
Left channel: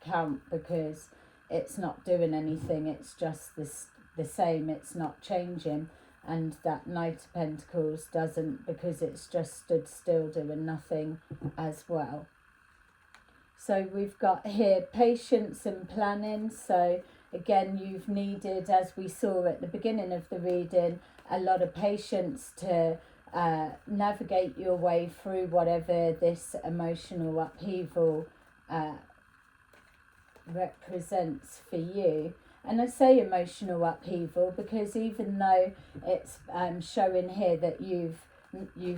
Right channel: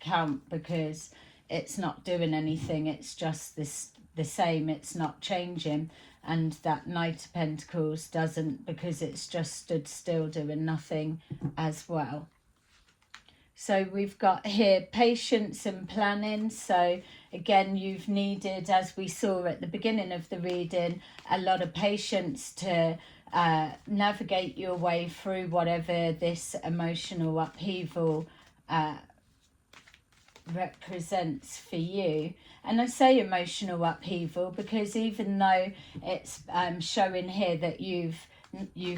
count because it's not doing anything. It's just the same. It's not changing. And that Knight of Pentacles doesn't, because it's just stood still doing nothing as well. So we've got here patience and planning. So again, you've needed, as we saw at the beginning of the reading, a lot of patience to navigate your way through whatever this emotional upheaval represents for you. And I say emotional upheaval because even though it's showing here that you've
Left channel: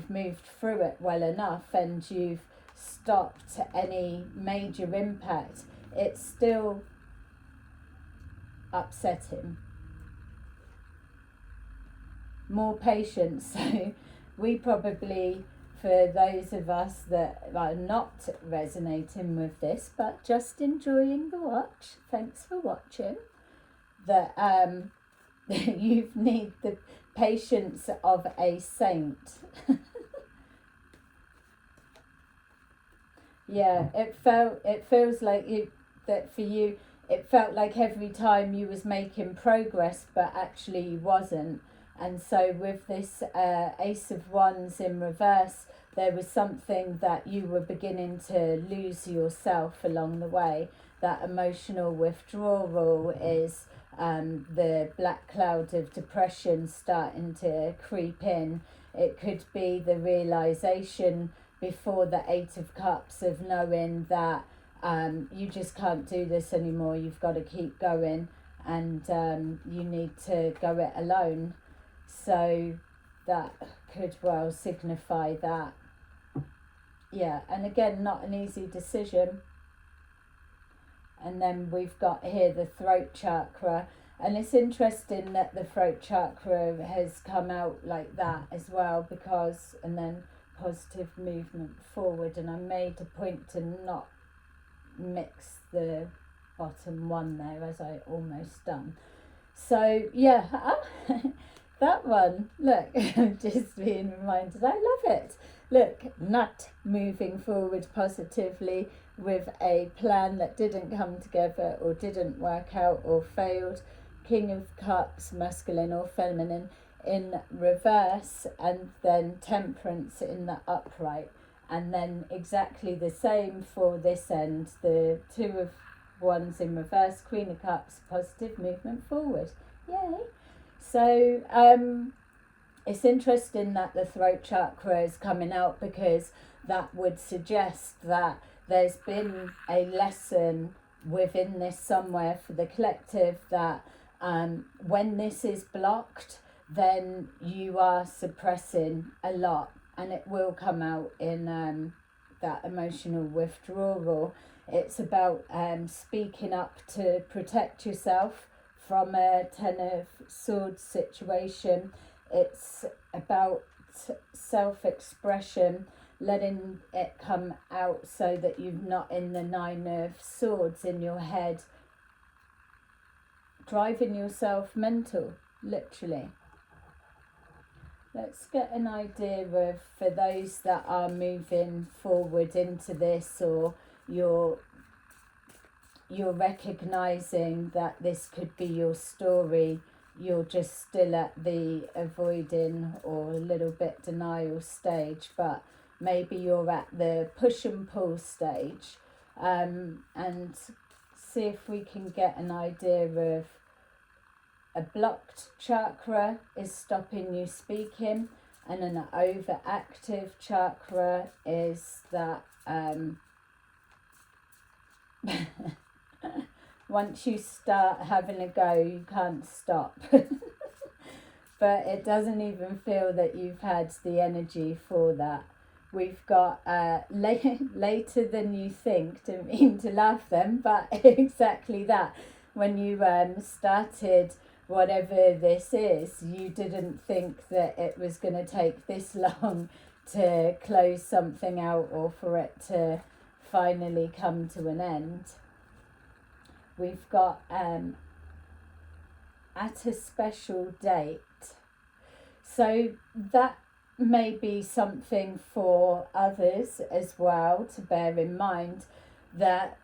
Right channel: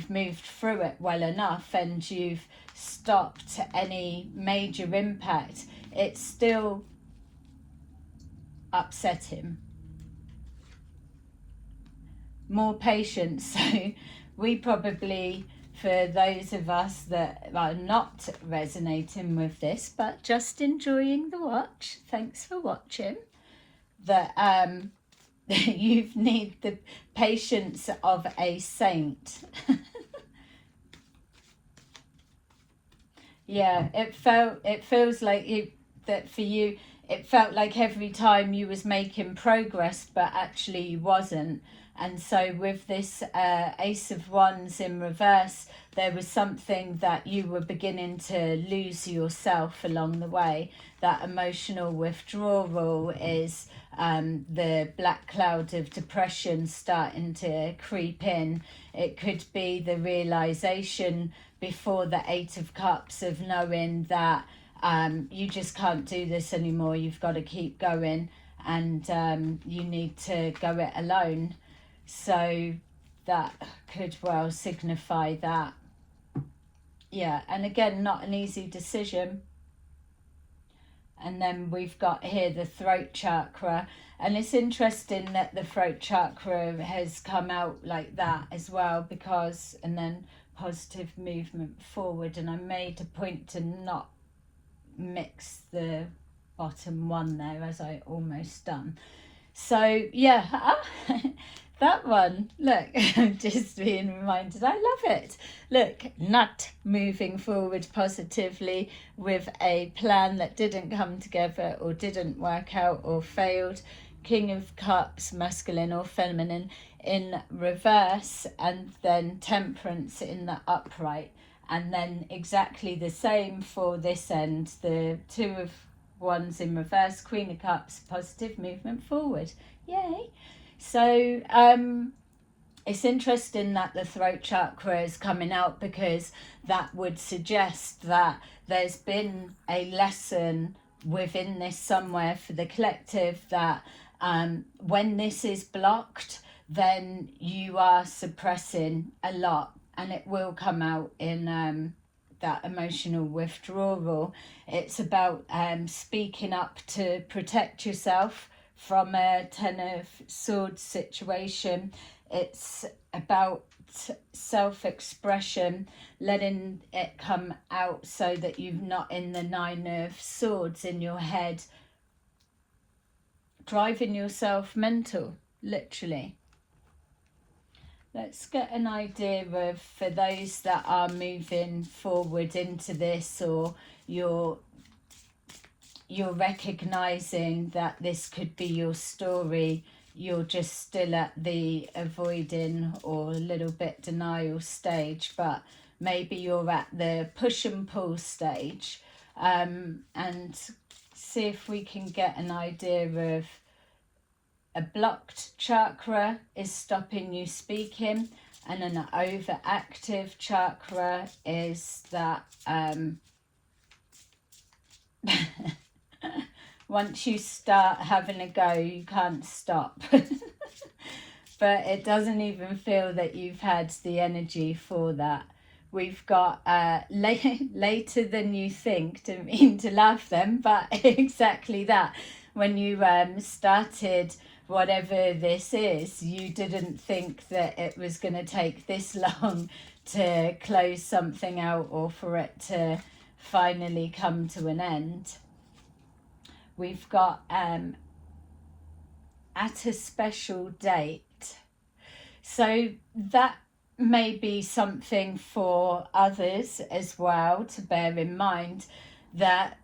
moved through it well enough and you've stopped any major impact, it's still upsetting. More patience. So we probably, for those of us that are not resonating with this but just enjoying the watch, thanks for watching, that you need the patience of a saint. Yeah, it feels like that for you, it felt like every time you was making progress, but actually you wasn't. And so with this Ace of Wands in reverse, there was something that you were beginning to lose yourself along the way. That emotional withdrawal is the black cloud of depression starting to creep in. It could be the realization before the Eight of Cups of knowing that you just can't do this anymore. You've got to keep going, and you need to go it alone. So that could well signify that. Yeah, and again, not an easy decision. And then we've got here the throat chakra, and it's interesting that the throat chakra has come out like that as well, because, and then positive movement forward, and I made a point to not mix the bottom one there, as I almost done. So yeah, that one, look, I'm just being reminded, I love it. Look, not moving forward positively with a plan that didn't come together or didn't work out or failed. King of Cups, masculine or feminine, in reverse, and then Temperance in the upright. And then exactly the same for this end, the Two of Wands in reverse, Queen of Cups, positive movement forward. Yay! So it's interesting that the throat chakra is coming out, because that would suggest that there's been a lesson within this somewhere for the collective, that when this is blocked, then you are suppressing a lot, and it will come out in that emotional withdrawal. It's about speaking up to protect yourself from a Ten of Swords situation. It's about self-expression, letting it come out so that you're not in the Nine of Swords in your head, driving yourself mental, literally. Let's get an idea of, for those that are moving forward into this, or you're recognizing that this could be your story, you're just still at the avoiding or a little bit denial stage, but maybe you're at the push and pull stage, and see if we can get an idea of a blocked chakra is stopping you speaking, and an overactive chakra is that once you start having a go, you can't stop. But it doesn't even feel that you've had the energy for that. We've got later than you think, didn't mean to laugh then, but exactly that. When you started whatever this is, you didn't think that it was going to take this long to close something out, or for it to finally come to an end. We've got at a special date. So that may be something for others as well to bear in mind, that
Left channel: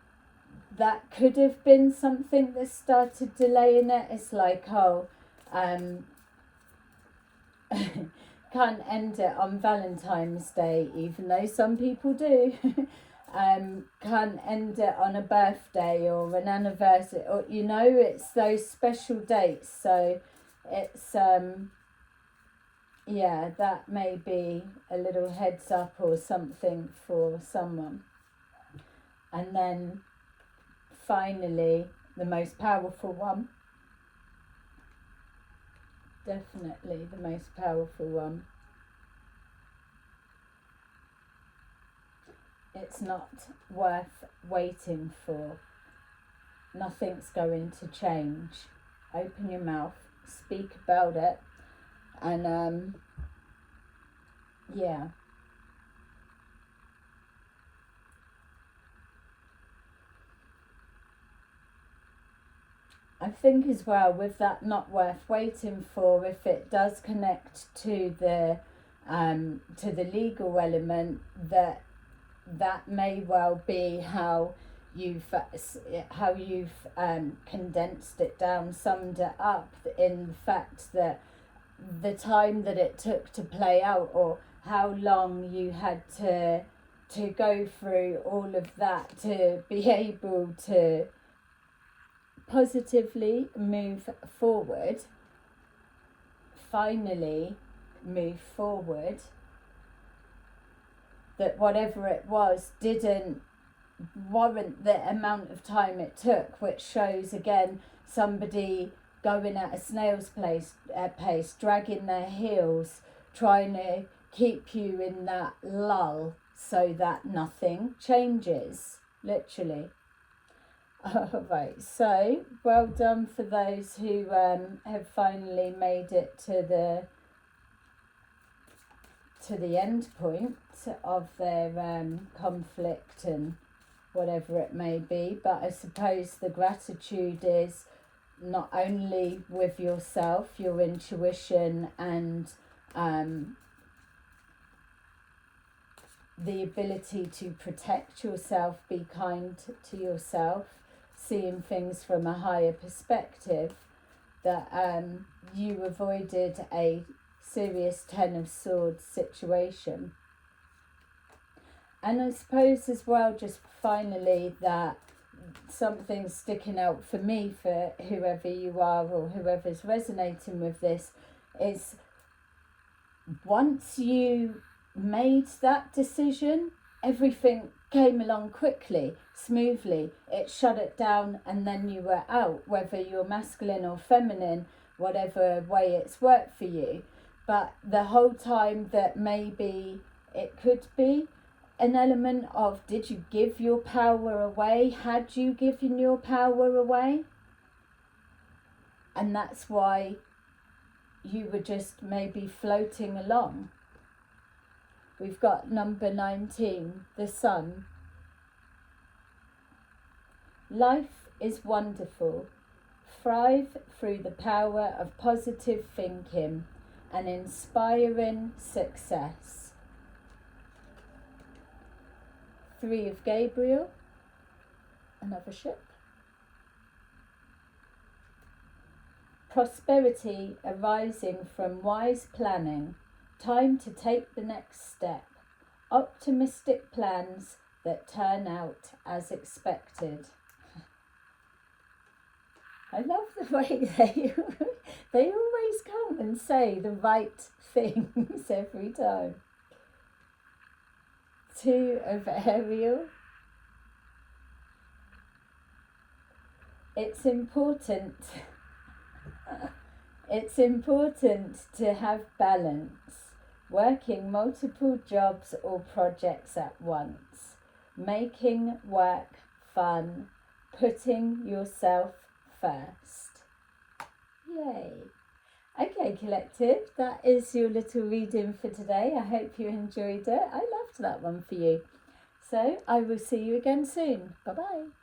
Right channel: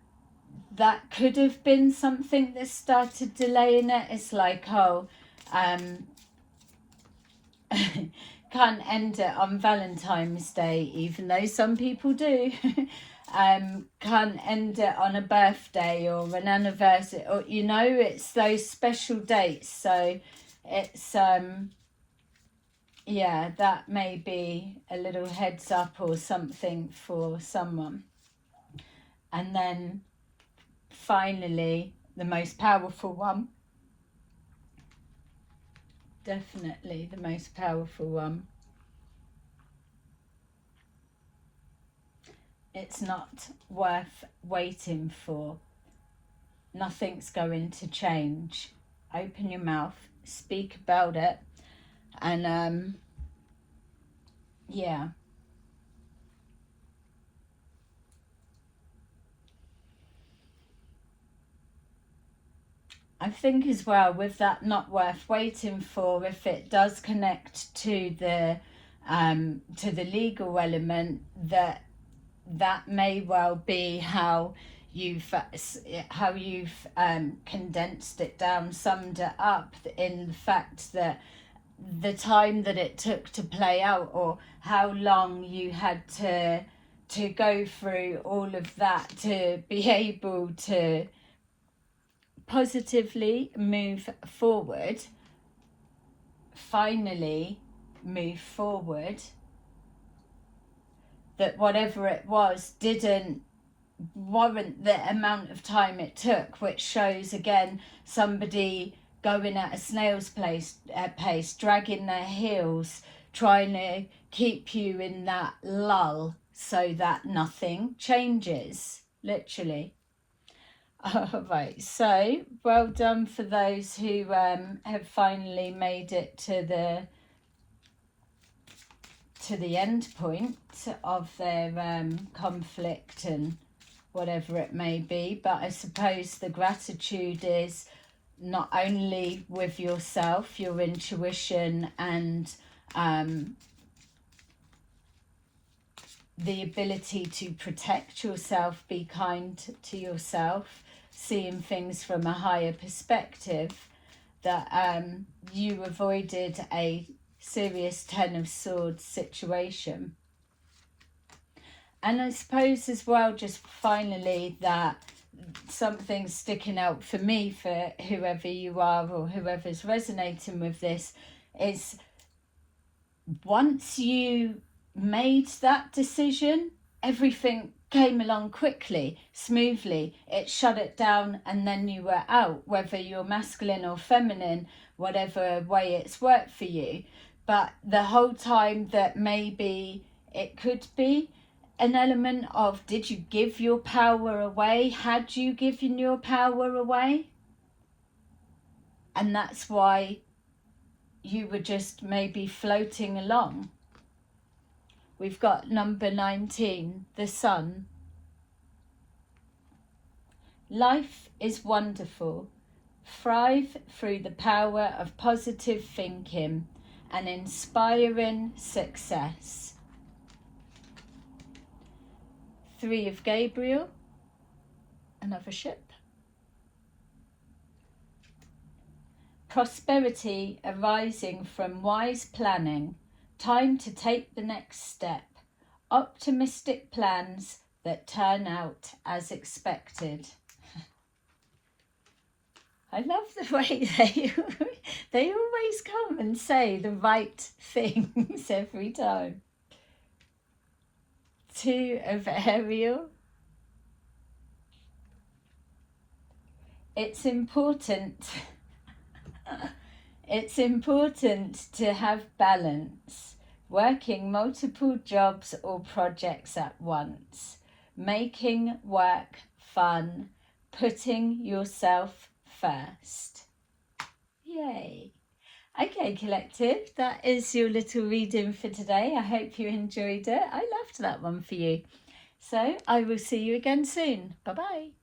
could have been something that started delaying it. It's like, oh, can't end it on Valentine's Day, even though some people do. Can't end it on a birthday or an anniversary, or it's those special dates. So it's yeah, that may be a little heads up or something for someone. And then finally, the most powerful one, definitely the most powerful one. It's not worth waiting for. Nothing's going to change. Open your mouth, speak about it, and yeah. I think as well, with that not worth waiting for, if it does connect to the legal element, that may well be how you've condensed it down, summed it up, in the fact that the time that it took to play out, or how long you had to go through all of that to be able to positively move forward, finally move forward, that whatever it was didn't warrant the amount of time it took, which shows again somebody going at a snail's pace, dragging their heels, trying to keep you in that lull so that nothing changes, literally. Alright, so well done for those who have finally made it to the end point of their conflict and whatever it may be. But I suppose the gratitude is not only with yourself, your intuition, and the ability to protect yourself, be kind to yourself, seeing things from a higher perspective, that you avoided a serious Ten of Swords situation. And I suppose as well, just finally, that something's sticking out for me, for whoever you are or whoever's resonating with this, is once you made that decision, everything came along quickly, smoothly. It shut it down and then you were out, whether you're masculine or feminine, whatever way it's worked for you. But the whole time that maybe it could be an element of, did you give your power away? Had you given your power away? And that's why you were just maybe floating along. We've got number 19, the sun. Life is wonderful. Thrive through the power of positive thinking and inspiring success. 3 of Gabriel, another ship. Prosperity arising from wise planning. Time to take the next step. Optimistic plans that turn out as expected. I love the way they always come and say the right things every time. 2 of Ariel. It's important to have balance, working multiple jobs or projects at once, making work fun, putting yourself first. Yay! Okay, collective, that is your little reading for today. I hope you enjoyed it. I loved that one for you. So I will see you again soon. Bye-bye.